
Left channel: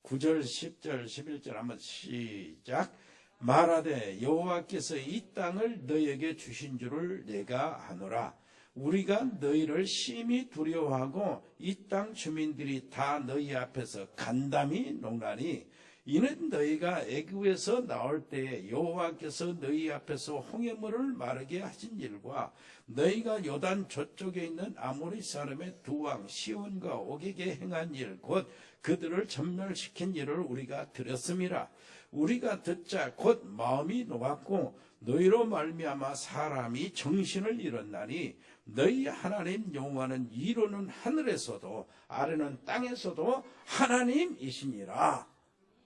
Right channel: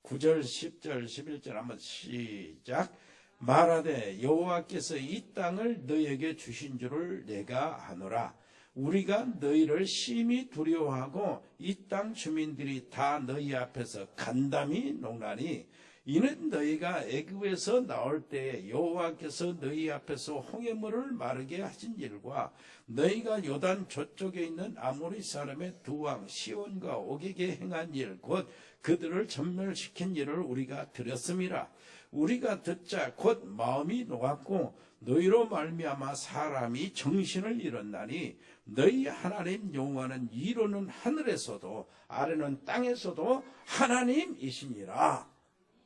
9절, 10절, 11절 한번 시작. 말하되 여호와께서 이 땅을 너에게 주신 줄을 내가 아노라. 우리가 너희를 심히 두려워하고 이 땅 주민들이 다 너희 앞에서 간담이 녹나니 이는 너희가 애굽에서 나올 때에 여호와께서 너희 앞에서 홍해물을 마르게 하신 일과 너희가 요단 저쪽에 있는 아모리 사람의 두 왕 시온과 옥에게 행한 일 곧 그들을 전멸시킨 일을 우리가 들었음이라. 우리가 듣자 곧 마음이 녹았고 너희로 말미암아 사람이 정신을 잃었나니 너희 하나님 여호와는 위로는 하늘에서도 아래는 땅에서도 하나님이시니라.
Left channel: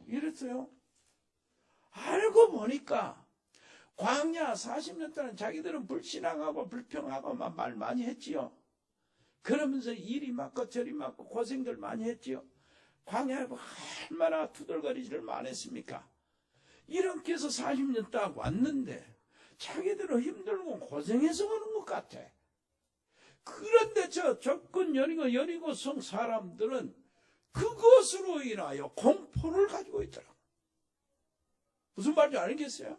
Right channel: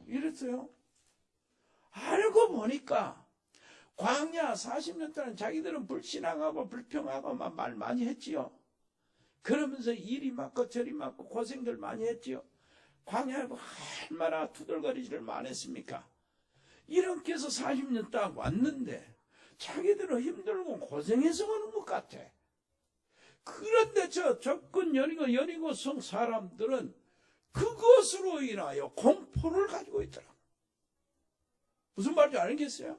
이랬어요. 알고 보니까 광야 40년 동안 자기들은 불신앙하고 불평하고 막 말 많이 했지요. 그러면서 일이 많고 저리 많고 고생들 많이 했지요. 광야에 얼마나 투덜거리지를 많았습니까? 이렇게 해서 40년 동안 왔는데 자기들은 힘들고 고생해서 오는 것 같아. 그런데 저 접근 여리고성 사람들은 그것으로 인하여 공포를 가지고 있더라. 무슨 말인지 알겠어요?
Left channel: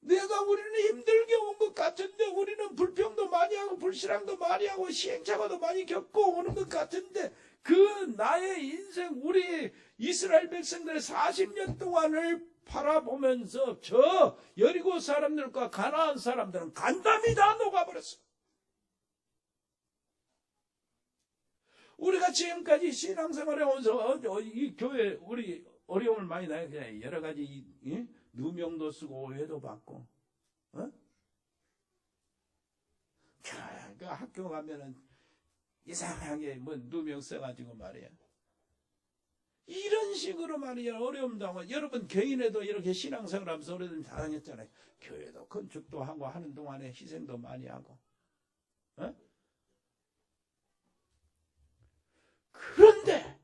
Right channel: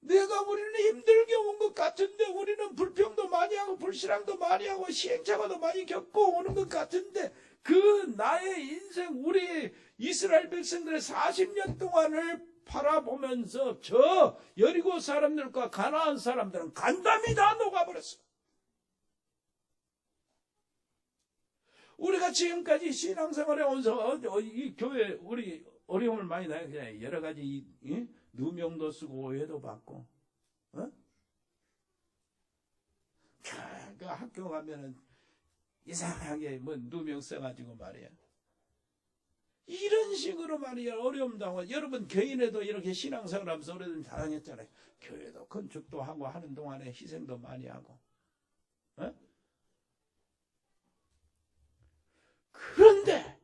우리는 힘들게 온 것 같은데, 우리는 불평도 많이 하고 불신앙도 많이 하고 시행착오도 많이 겪고 오는 것 같은데, 그 나의 인생, 우리 이스라엘 백성들의 40년 동안을 바라보면서 저 여리고 사람들과 가나안 사람들은 간담이 다 녹아버렸어. 우리가 지금까지 신앙생활에 오면서 이 교회 우리 어려움을 많이 나요. 여러 가지 누명도 쓰고 오해도 받고, 그 학교 가면은 이상하게 뭐 누명 써가지고 말이야. 이런 식으로 말이야 어려움 당하고. 여러분 교인에도 이렇게 신앙생활 하면서 오래된 당했잖아요. 교회도 건축도 하고 하는 동안에 희생도 많이 하고. 그런데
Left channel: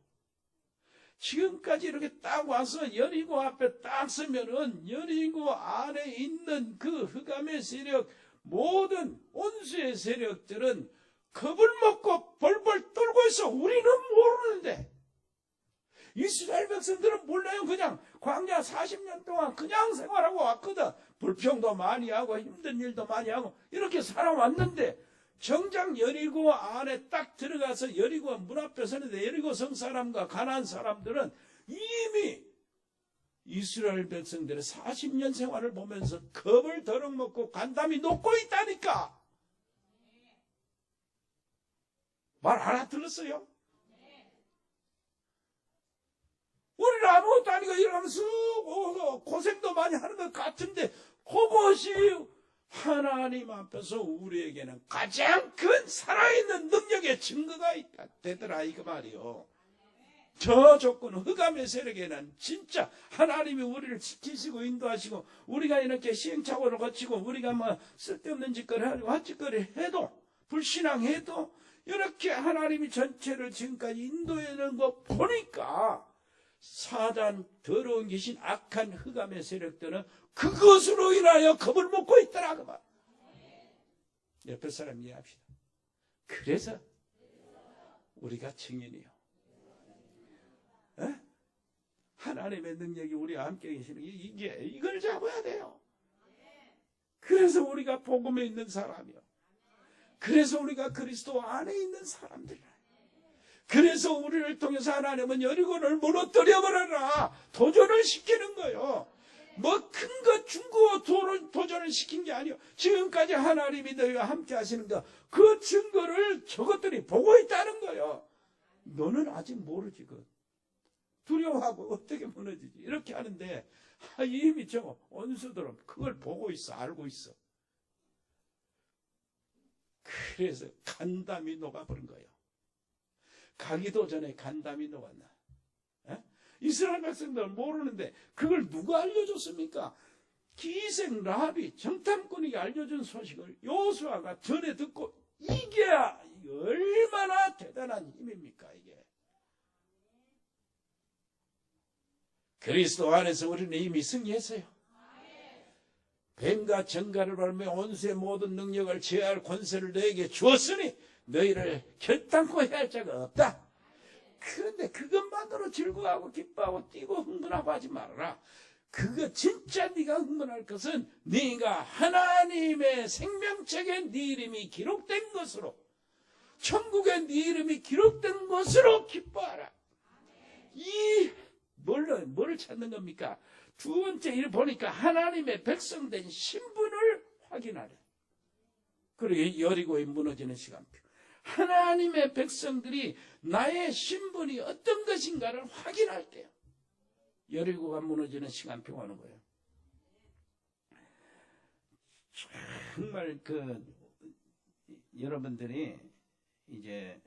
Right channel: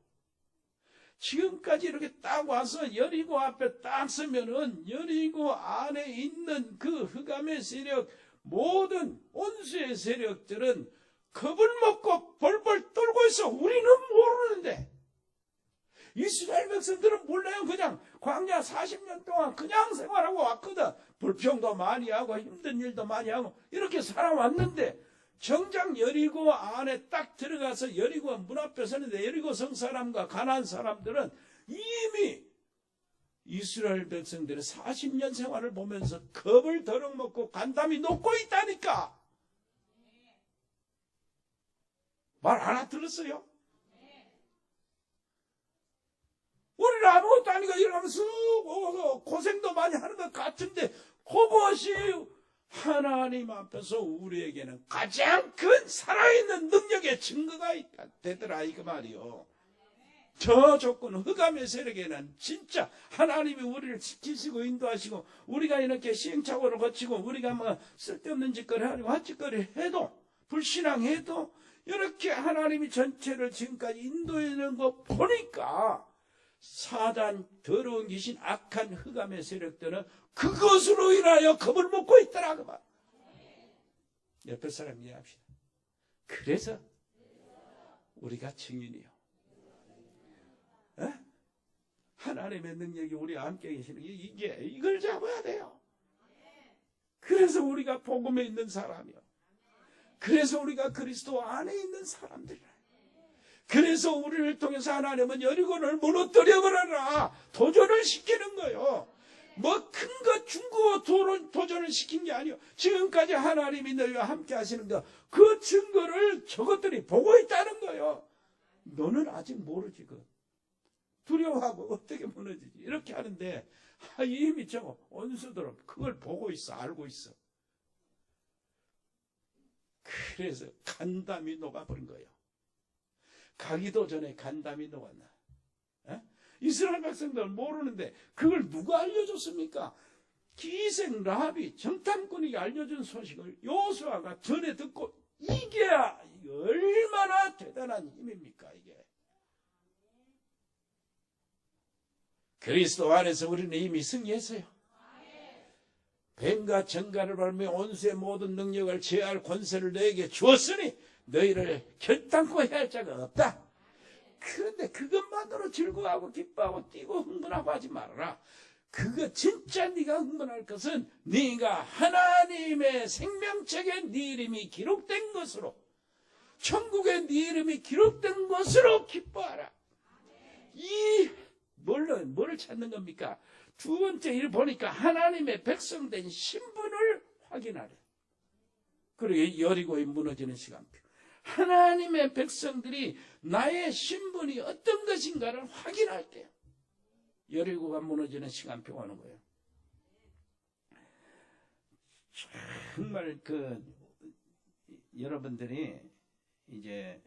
지금까지 이렇게 딱 와서 여리고 앞에 딱 서면은 여리고 안에 있는 그 흑암의 세력, 모든 온수의 세력들은 겁을 먹고 벌벌 떨고 있어. 우리는 모르는데. 이스라엘 백성들은 몰라요. 그냥 광야 40년 동안 그냥 생활하고 왔거든. 불평도 많이 하고 힘든 일도 많이 하고 이렇게 살아왔는데, 정작 여리고 안에 딱 들어가서 여리고 문 앞에 서는데 여리고 성 사람과 가나안 사람들은 이미 이스라엘 백성들의 40년 생활을 보면서 겁을 더럭먹고 간담이 녹고 있다니까. 말 알아들었어요? 우리는 아무것도 아니고 이러면서 고생도 많이 하는 것 같은데, 그것이 하나님 앞에서 우리에게는 가장 큰 살아있는 능력의 증거가 되더라 이거 말이요. 저 조건 흑암의 세력에는 진짜 하나님이 우리를 지키시고 인도하시고, 우리가 이렇게 시행착오를 거치고 우리가 뭐 쓸데없는 짓거리 하고 헛짓거리 해도 불신앙해도 이렇게 하나님이 전체를 지금까지 인도해낸 거 보니까 사단, 더러운 귀신, 악한 흑암의 세력들은 그것으로 인하여 겁을 먹고 있더라 그 말. 옆에 사람 이해합시다. 그래서 우리가 증인이요. 하나님의 능력이 우리와 함께 계시는 이걸 잡아야 돼요. 그래서 우리가 복음에 있는 사람이요. 그래서 우리가 그리스도 안에 있는 사람들이라. 그래서 우리를 통해서 하나님은 여리고를 무너뜨려버려라 도전을 시키는 거예요. 뭐 큰 것 준 거 도전을 시킨 게 아니요. 지금까지 하나님이 너희와 함께 하시는 거, 그 증거를 저것들이 보고 있다는 거예요. 너는 아직 모르지. 두려워하고 어떻게 무너지지 이렇게 하는데, 이미 저 원수들은 그걸 보고 있어, 알고 있어. 그래서 간담이 녹아버린 거예요. 가기도 전에 간담이 녹았나. 이스라엘 백성들은 모르는데 그걸 누가 알려줬습니까? 기생 라합이 정탐꾼에게 알려준 소식을 여호수아가 전에 듣고, 이게 얼마나 대단한 힘입니까 이게. 그리스도 안에서 우리는 이미 승리했어요. 뱀과 정갈을 밟으며 온수의 모든 능력을 제어할 권세를 너에게 주었으니 너희를 결단코 해할 자가 없다. 그런데 그것만으로 즐거워하고 기뻐하고 뛰고 흥분하고 하지 말아라. 그거 진짜 네가 흥분할 것은 네가 하나님의 생명책에 네 이름이 기록된 것으로, 천국에 네 이름이 기록된 것으로 기뻐하라. 이 뭐를 찾는 겁니까? 두 번째 일 보니까 하나님의 백성된 신분을 확인하래. 그리고 여리고에 무너지는 시간표. 하나님의 백성들이 나의 신분이 어떤 것인가를 확인할 때요. 여리고가 무너지는 시간표가 오는 거예요. 정말 여러분들이 이제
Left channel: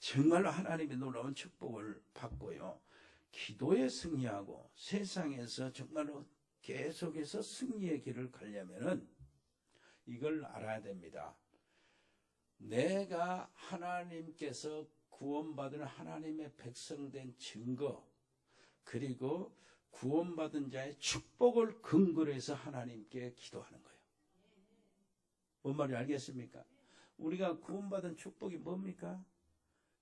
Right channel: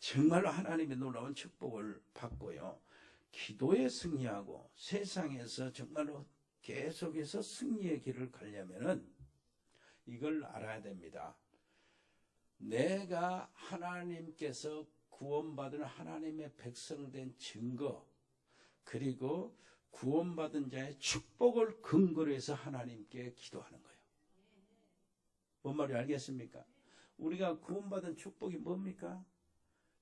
정말로 하나님의 놀라운 축복을 받고요. 기도에 승리하고 세상에서 정말로 계속해서 승리의 길을 가려면은 이걸 알아야 됩니다. 내가 하나님께서 구원받은 하나님의 백성된 증거, 그리고 구원받은 자의 축복을 근거로 해서 하나님께 기도하는 거예요. 뭔 말인지 알겠습니까? 우리가 구원받은 축복이 뭡니까?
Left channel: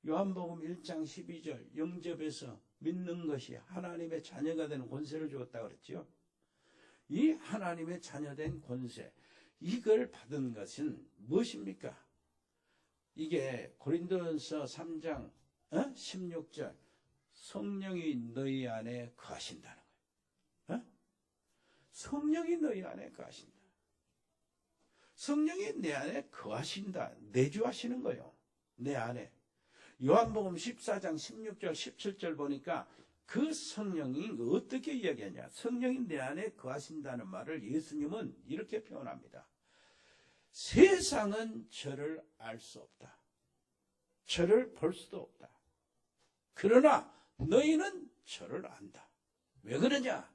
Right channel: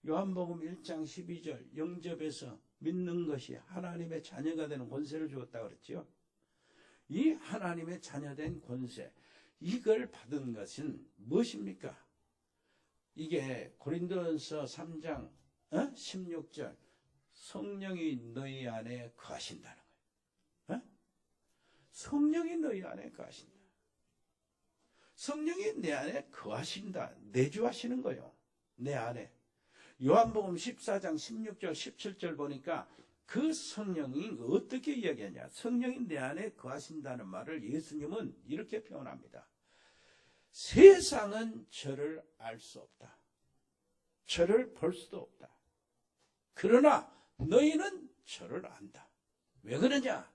요한복음 1장 12절 영접해서 믿는 것이 하나님의 자녀가 되는 권세를 주었다 그랬죠. 이 하나님의 자녀된 권세, 이걸 받은 것은 무엇입니까? 이게 고린도전서 3장 16절 성령이 너희 안에 거하신다는 거예요. 성령이 너희 안에 거하신다. 성령이 내 안에 거하신다. 내주하시는 거예요. 내 안에. 요한복음 14장 16절 17절 보니까 그 성령이 어떻게 이야기하냐. 성령이 내 안에 거하신다는 말을 예수님은 이렇게 표현합니다. 세상은 저를 알 수 없다. 저를 볼 수도 없다. 그러나 너희는 저를 안다. 왜 그러냐?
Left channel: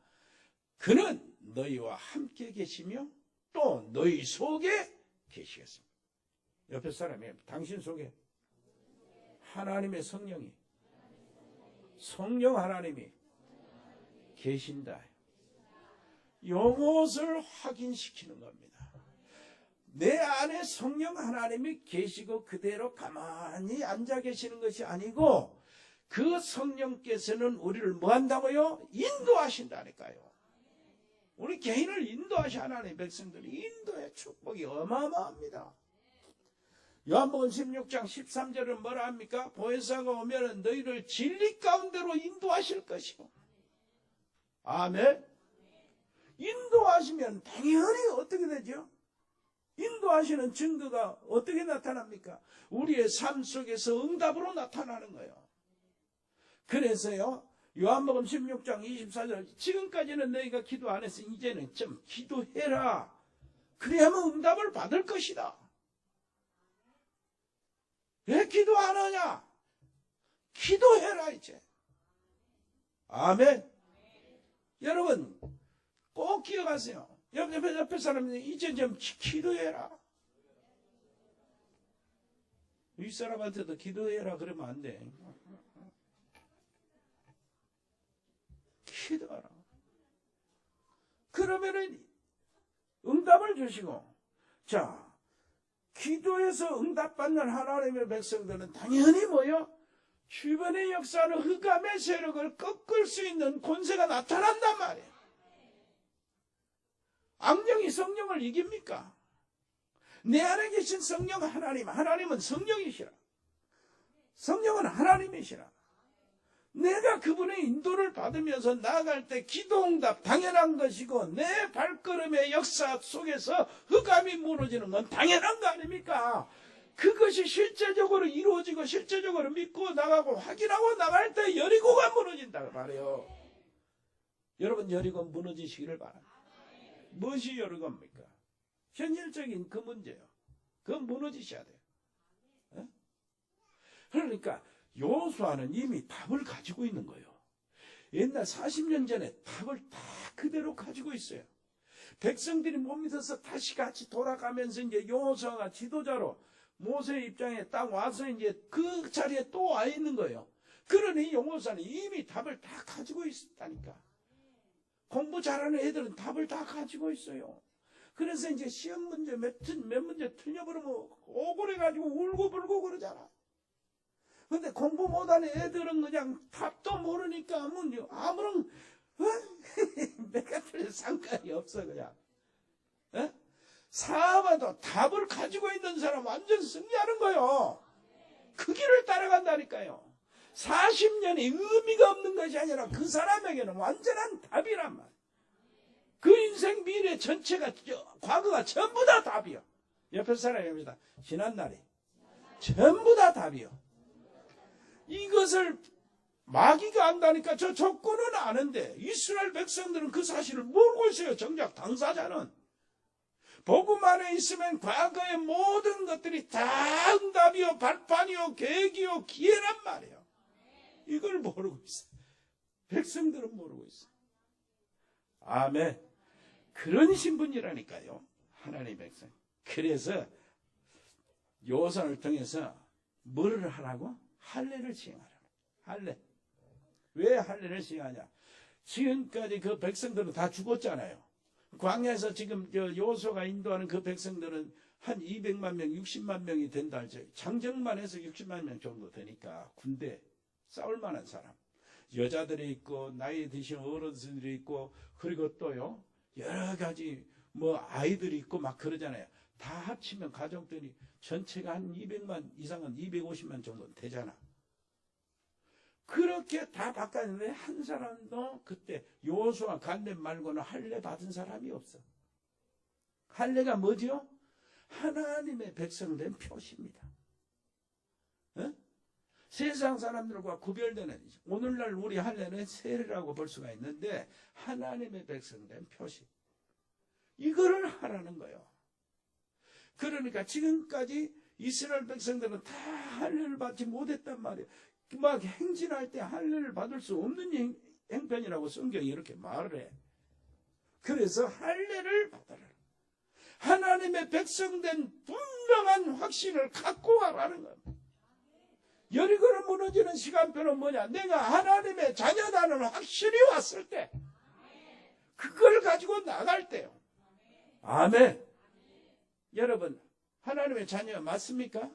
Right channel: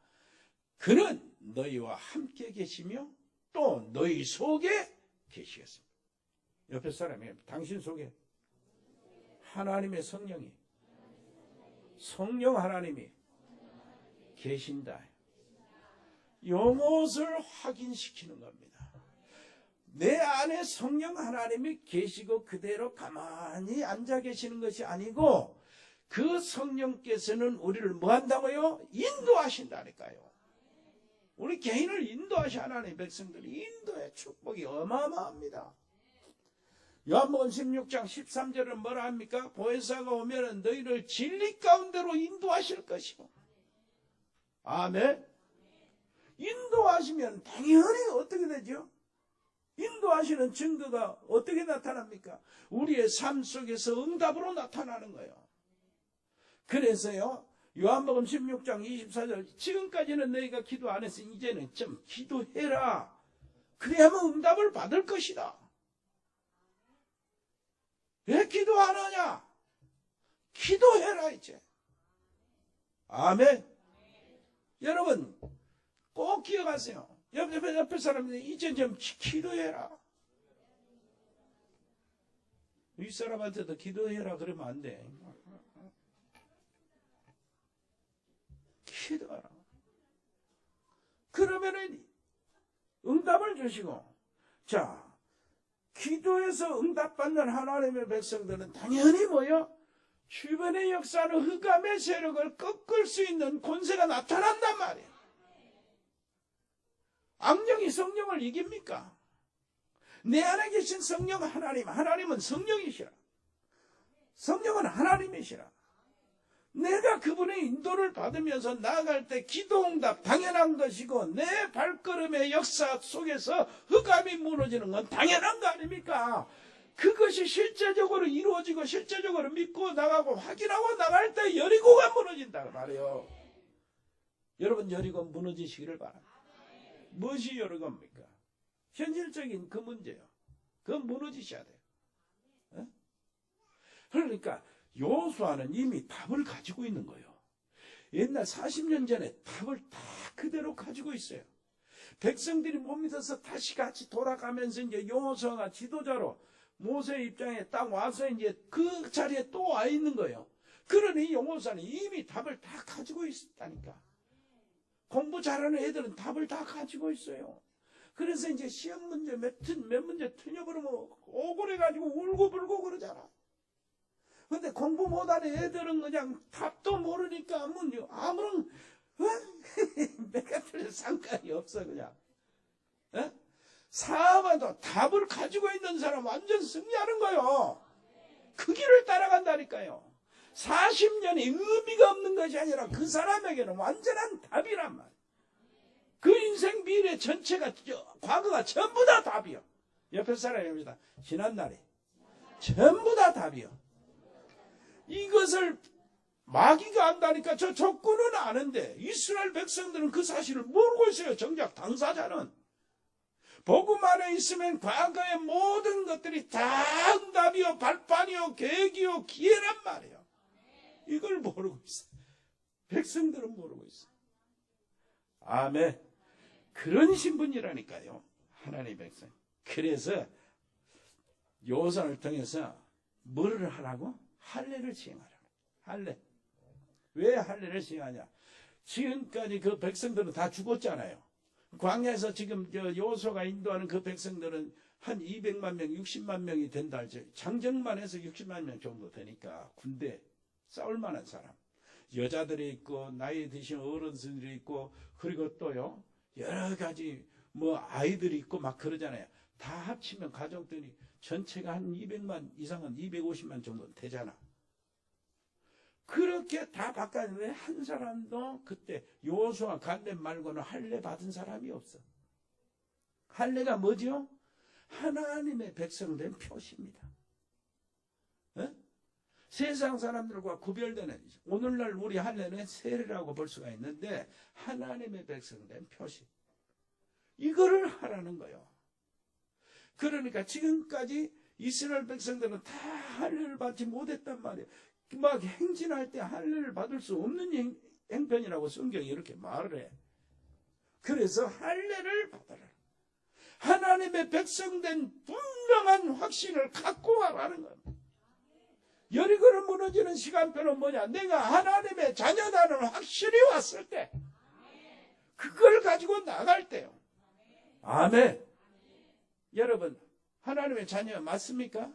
그는 너희와 함께 계시며 또 너희 속에 계시겠습니다. 옆에 사람이 당신 속에 하나님의 성령이, 성령 하나님이 계신다. 이것을 확인시키는 겁니다. 내 안에 성령 하나님이 계시고 그대로 가만히 앉아 계시는 것이 아니고 그 성령께서는 우리를 뭐 한다고요? 인도하신다니까요. 우리 개인을 인도하시 하나님의 백성들이 인도의 축복이 어마어마합니다. 요한복음 16장 13절은 뭐라 합니까? 보혜사가 오면 너희를 진리 가운데로 인도하실 것이고. 아멘. 인도하시면 당연히 어떻게 되죠? 인도하시는 증거가 어떻게 나타납니까? 우리의 삶 속에서 응답으로 나타나는 거예요. 그래서요, 요한복음 16장 24절, 지금까지는 너희가 기도 안 했으니 이제는 좀 기도해라. 그래야만 응답을 받을 것이다. 왜 기도 안 하냐? 기도해라, 이제. 아멘. 여러분, 꼭 기억하세요. 옆에 사람들이 이제 좀 기도해라. 윗사람한테도 기도해라 그러면 안 돼. 기도하라. 그러면은 응답을 주시고, 자, 기도해서 응답받는 하나님의 백성들은 당연히 뭐요? 주변의 역사는 흑암의 세력을 꺾을 수 있는 권세가 나타난단 말이에요. 악령이 성령을 이깁니까? 내 안에 계신 성령 하나님, 하나님은 성령이시라. 성령은 하나님이시라. 내가 그분의 인도를 받으면서 나아갈 때 기도응답 당연한 것이고 내 발걸음의 역사 속에서 흑암이 무너지는 건 당연한 거 아닙니까? 그것이 실제적으로 이루어지고 실제적으로 믿고 나가고 확인하고 나갈 때 여리고가 무너진다고 말해요. 여러분, 여리고 무너지시기를 바랍니다. 무엇이 여리고입니까? 현실적인 그 문제요. 그건 무너지셔야 돼요. 네? 그러니까 여호수아는 이미 답을 가지고 있는 거예요. 옛날 40년 전에 답을 다 그대로 가지고 있어요. 백성들이 못 믿어서 다시 같이 돌아가면서 이제 여호수아가 지도자로 모세 입장에 딱 와서 이제 그 자리에 또 와 있는 거예요. 그러니 여호수아는 이미 답을 다 가지고 있었다니까. 공부 잘하는 애들은 답을 다 가지고 있어요. 그래서 이제 시험 문제 몇 문제 틀려버리면 억울해가지고 울고불고 그러잖아. 근데 공부 못하는 애들은 그냥 답도 모르니까 아무런 내가 틀린 상관이 없어 그냥. 사업도 답을 가지고 있는 사람 완전 승리하는 거요. 그 길을 따라간다니까요. 40년이 의미가 없는 것이 아니라 그 사람에게는 완전한 답이란 말. 그 인생 미래 전체가 과거가 전부 다 답이요. 옆에 사람이 합니다. 지난날이 전부 다 답이요. 이것을 마귀가 안다니까 저 조건은 아는데 이스라엘 백성들은 그 사실을 모르고 있어요. 정작 당사자는. 복음 안에 있으면 과거의 모든 것들이 다 응답이요, 발판이요, 계기요, 기회란 말이에요. 이걸 모르고 있어요. 백성들은 모르고 있어요. 아멘. 그런 신분이라니까요. 하나님의 백성. 그래서 요선을 통해서 뭐를 하라고? 할례를 시행하라고. 할례. 왜 할례를 시행하냐? 지금까지 그 백성들은 다 죽었잖아요. 광야에서 지금 여호수아가 인도하는 그 백성들은 한 200만 명, 60만 명이 된다. 장정만 해서 60만 명 정도 되니까 군대 싸울 만한 사람. 여자들이 있고 나이 드신 어른들이 있고 그리고 또요 여러 가지 뭐 아이들이 있고 막 그러잖아요. 다 합치면 가족들이 전체가 한 200만 이상은 250만 정도 되잖아. 그렇게 다 바꿨는데 한 사람도 그때 여호수아 갈렙 말고는 할례 받은 사람이 없어. 할례가 뭐죠? 하나님의 백성된 표시입니다. 세상 사람들과 구별되는 오늘날 우리 할례는 세례라고 볼 수가 있는데 하나님의 백성된 표시. 이거를 하라는 거예요. 그러니까 지금까지 이스라엘 백성들은 다 할례를 받지 못했단 말이에요. 막 행진할 때 할례를 받을 수 없는 행편이라고 성경이 이렇게 말을 해. 그래서 할례를 받아라. 하나님의 백성된 분명한 확신을 갖고 가라는 겁니다. 여리고로 무너지는 시간표는 뭐냐? 내가 하나님의 자녀다는 확신이 왔을 때 그걸 가지고 나갈 때요. 아멘. 여러분 하나님의 자녀 맞습니까?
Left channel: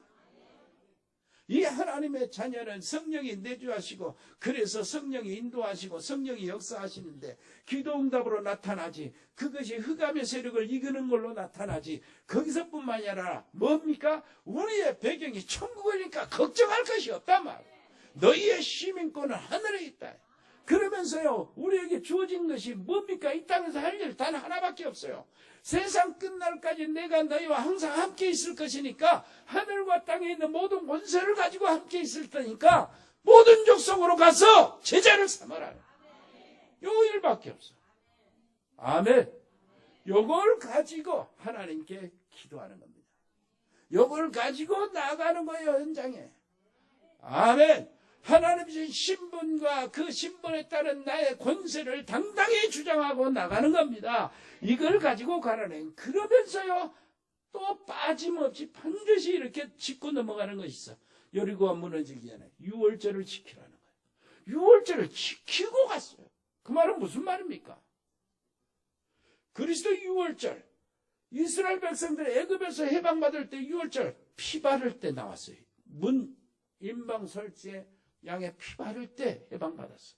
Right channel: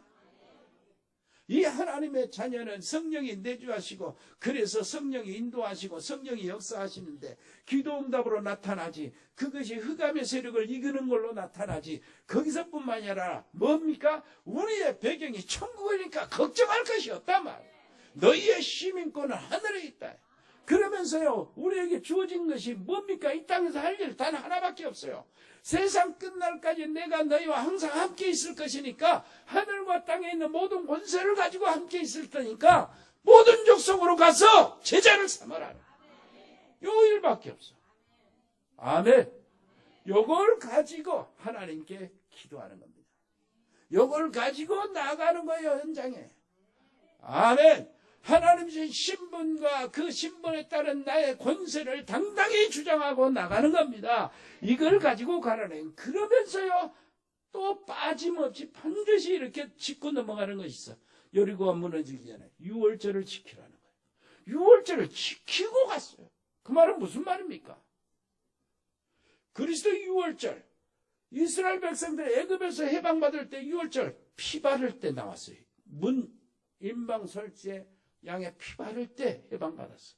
이 하나님의 자녀는 성령이 내주하시고 그래서 성령이 인도하시고 성령이 역사하시는데 기도응답으로 나타나지 그것이 흑암의 세력을 이기는 걸로 나타나지 거기서뿐만이 아니라 뭡니까? 우리의 배경이 천국이니까 걱정할 것이 없단 말이에요. 너희의 시민권은 하늘에 있다. 그러면서요 우리에게 주어진 것이 뭡니까? 이 땅에서 할 일 단 하나밖에 없어요. 세상 끝날까지 내가 너희와 항상 함께 있을 것이니까 하늘과 땅에 있는 모든 권세를 가지고 함께 있을 테니까 모든 족속으로 가서 제자를 삼아라. 요 일밖에 없어. 아멘. 요걸 가지고 하나님께 기도하는 겁니다. 요걸 가지고 나가는 거예요. 현장에. 아멘. 하나님의 신분과 그 신분에 따른 나의 권세를 당당히 주장하고 나가는 겁니다. 이걸 가지고 가라는. 그러면서요 또 빠짐없이 반드시 이렇게 짚고 넘어가는 것이 있어. 여리고가 무너지기 전에 유월절을 지키라는 거예요. 유월절을 지키고 갔어요. 그 말은 무슨 말입니까? 그리스도 유월절, 이스라엘 백성들 애굽에서 해방받을 때 유월절 피 바를 때 나왔어요. 문 임방 설지에 양의 피 바를 때 해방받았어.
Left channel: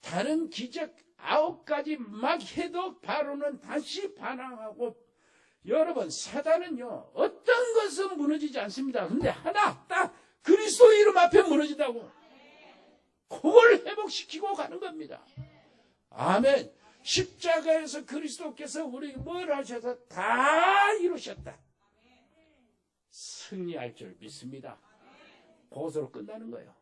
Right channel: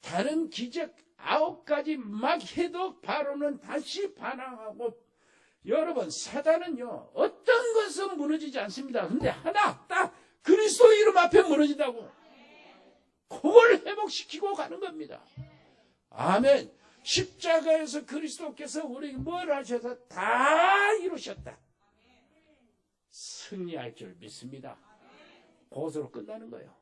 다른 기적 9가지 막 해도 바로는 다시 반항하고. 여러분 사단은요 어떤 것은 무너지지 않습니다. 근데 하나 딱 그리스도 이름 앞에 무너진다고 그걸 회복시키고 가는 겁니다. 아멘. 십자가에서 그리스도께서 우리에게 뭘 하셔서 다 이루셨다. 승리할 줄 믿습니다. 그것으로 끝나는 거예요.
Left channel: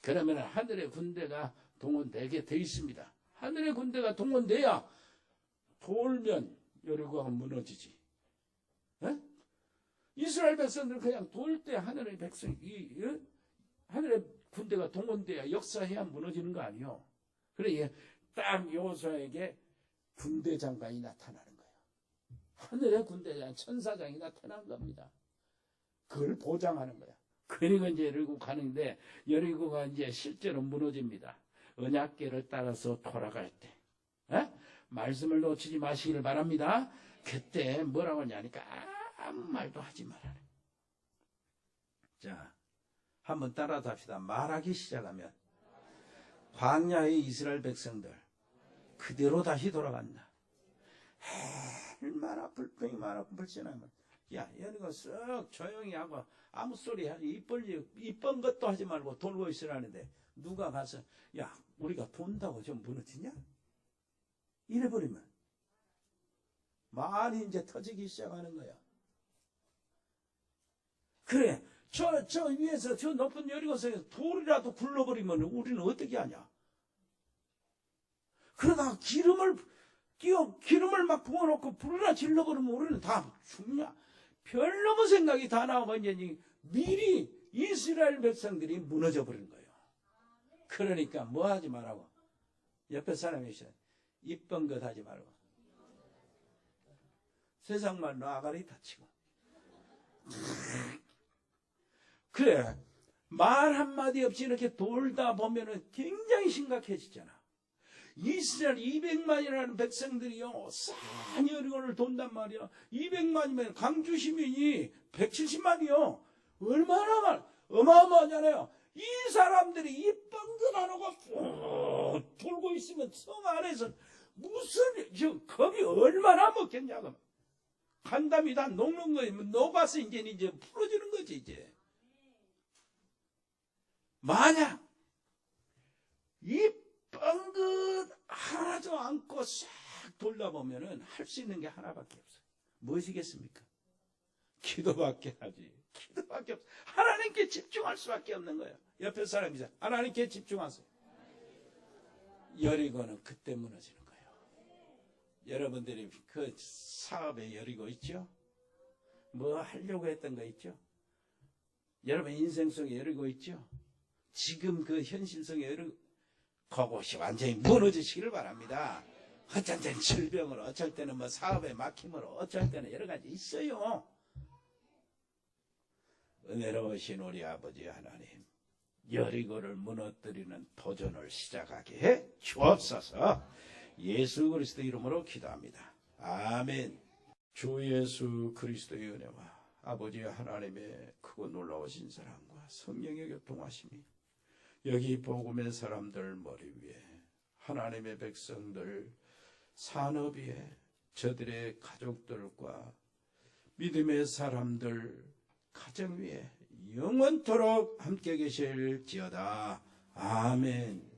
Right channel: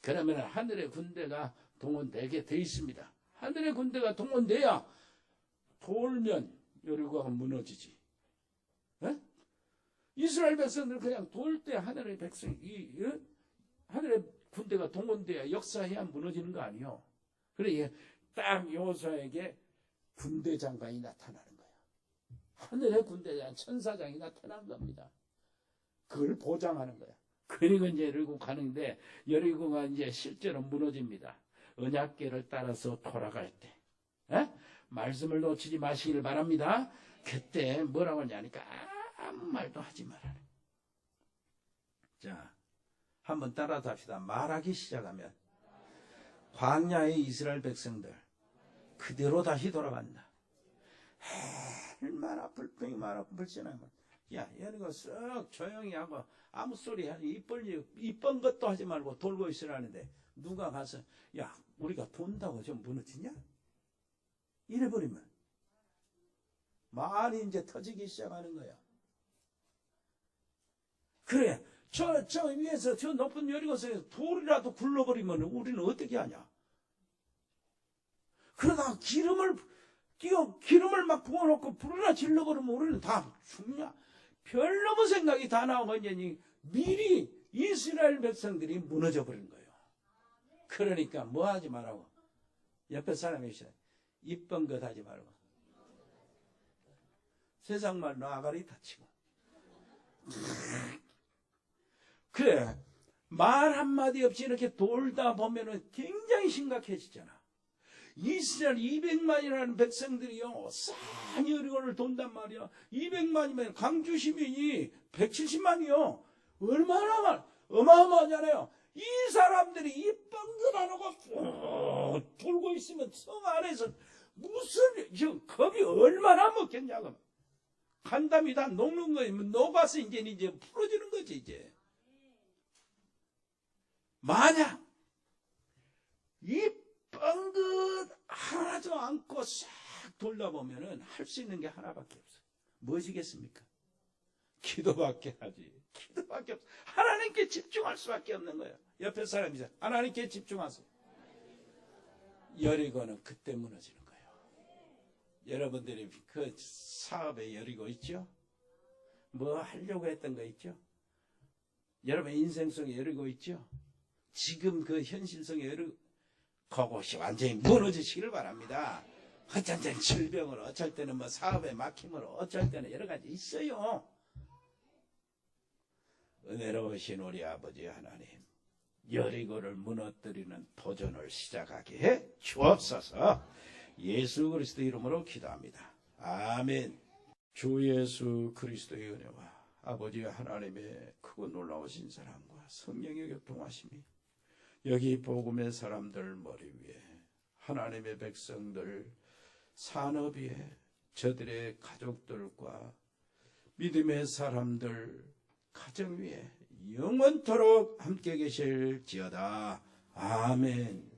그러면 하늘의 군대가 동원되게 돼 있습니다. 하늘의 군대가 동원돼야 돌면 여리고가 무너지지. 에? 이스라엘 백성들은 그냥 돌 때 하늘의 백성, 하늘의 군대가 동원돼야 역사해야 무너지는 거 아니요. 그래 딱 여호수아에게 군대 장관이 나타나는 거예요. 하늘의 군대장 천사장이 나타난 겁니다. 그걸 보장하는 거야. 그리고 이제 여리고 가는데 여리고가 이제 실제로 무너집니다. 언약궤를 따라서 돌아갈 때. 말씀을 놓치지 마시기를 바랍니다. 그때 뭐라고 하냐니까 아무 말도 하지 말아라. 자, 한번 따라서 합시다. 말하기 시작하면 광야의 이스라엘 백성들 그대로 다시 돌아간다. 얼마나 불평이 불편하면 야 여기가 쓱 조용히 하고 아무 소리 하지 이쁜 것도 하지 말고 돌고 있으라는데 누가 가서 야 우리가 돈다고 좀 무너지냐? 이래버리면 말이 이제 터지기 시작하는 거야. 그래 저 위에서 저 높은 여리고성에서 돌이라도 굴러버리면 우리는 어떻게 하냐? 그러다가 기름을 막 부어놓고 불이나 질러버리면 우리는 다 죽냐? 별 넘은 생각이 다 나오고 이제 미리 이스라엘 백성들이 무너져 버린 거예요. 그러니까 뭐 하지 말라고? 옆에 사람이 있어요. 이쁜 것 하지 말고. 세상 말로 아가리 다치고. 그래 말 한마디 없이 이렇게 돌다 보면은 굉장히 심각해지잖아. 이스라엘 200만이라는 백성들이요 산 여리고를 돈단 말이야. 200만이면 강주 시민이 170만이요. 얼마나 어마어마하잖아요. 이 사람들이 이쁜 것 안 하고 돌고 있으면 성 안에서 무슨 겁이 얼마나 먹겠냐고. 간담이 다 녹는 거지. 녹아서 이제 풀어지는 거지 이제. 만약 이쁜 것 하나도 않고 싹 돌다 보면은 할 수 있는 게 하나밖에 없어. 무엇이겠습니까? 기도밖에 하지. 기도밖에 없어. 하나님께 집중할 수밖에 없는 거예요. 옆에 사람이죠. 하나님께 집중하세요. 여리고는 그때 무너지는 거예요. 여러분들이 그 사업에 여리고 있죠? 뭐 하려고 했던 거 있죠? 여러분 인생 속에 여리고 있죠? 지금 그 현실 속에 여리고 그것이 완전히 무너지시기를 바랍니다. 어쩔 때는 질병으로, 어쩔 때는 뭐 사업에 막힘으로, 어쩔 때는 여러 가지 있어요. 은혜로우신 우리 아버지 하나님, 여리고를 무너뜨리는 도전을 시작하게 해 주옵소서. 예수 그리스도 이름으로 기도합니다. 아멘. 주 예수 그리스도의 은혜와 아버지 하나님의 크고 놀라우신 사랑과 성령의 교통하심이 여기 복음의 사람들 머리 위에, 하나님의 백성들 산업 위에, 저들의 가족들과 믿음의 사람들 가정 위에 영원토록 함께 계실지어다. 아멘.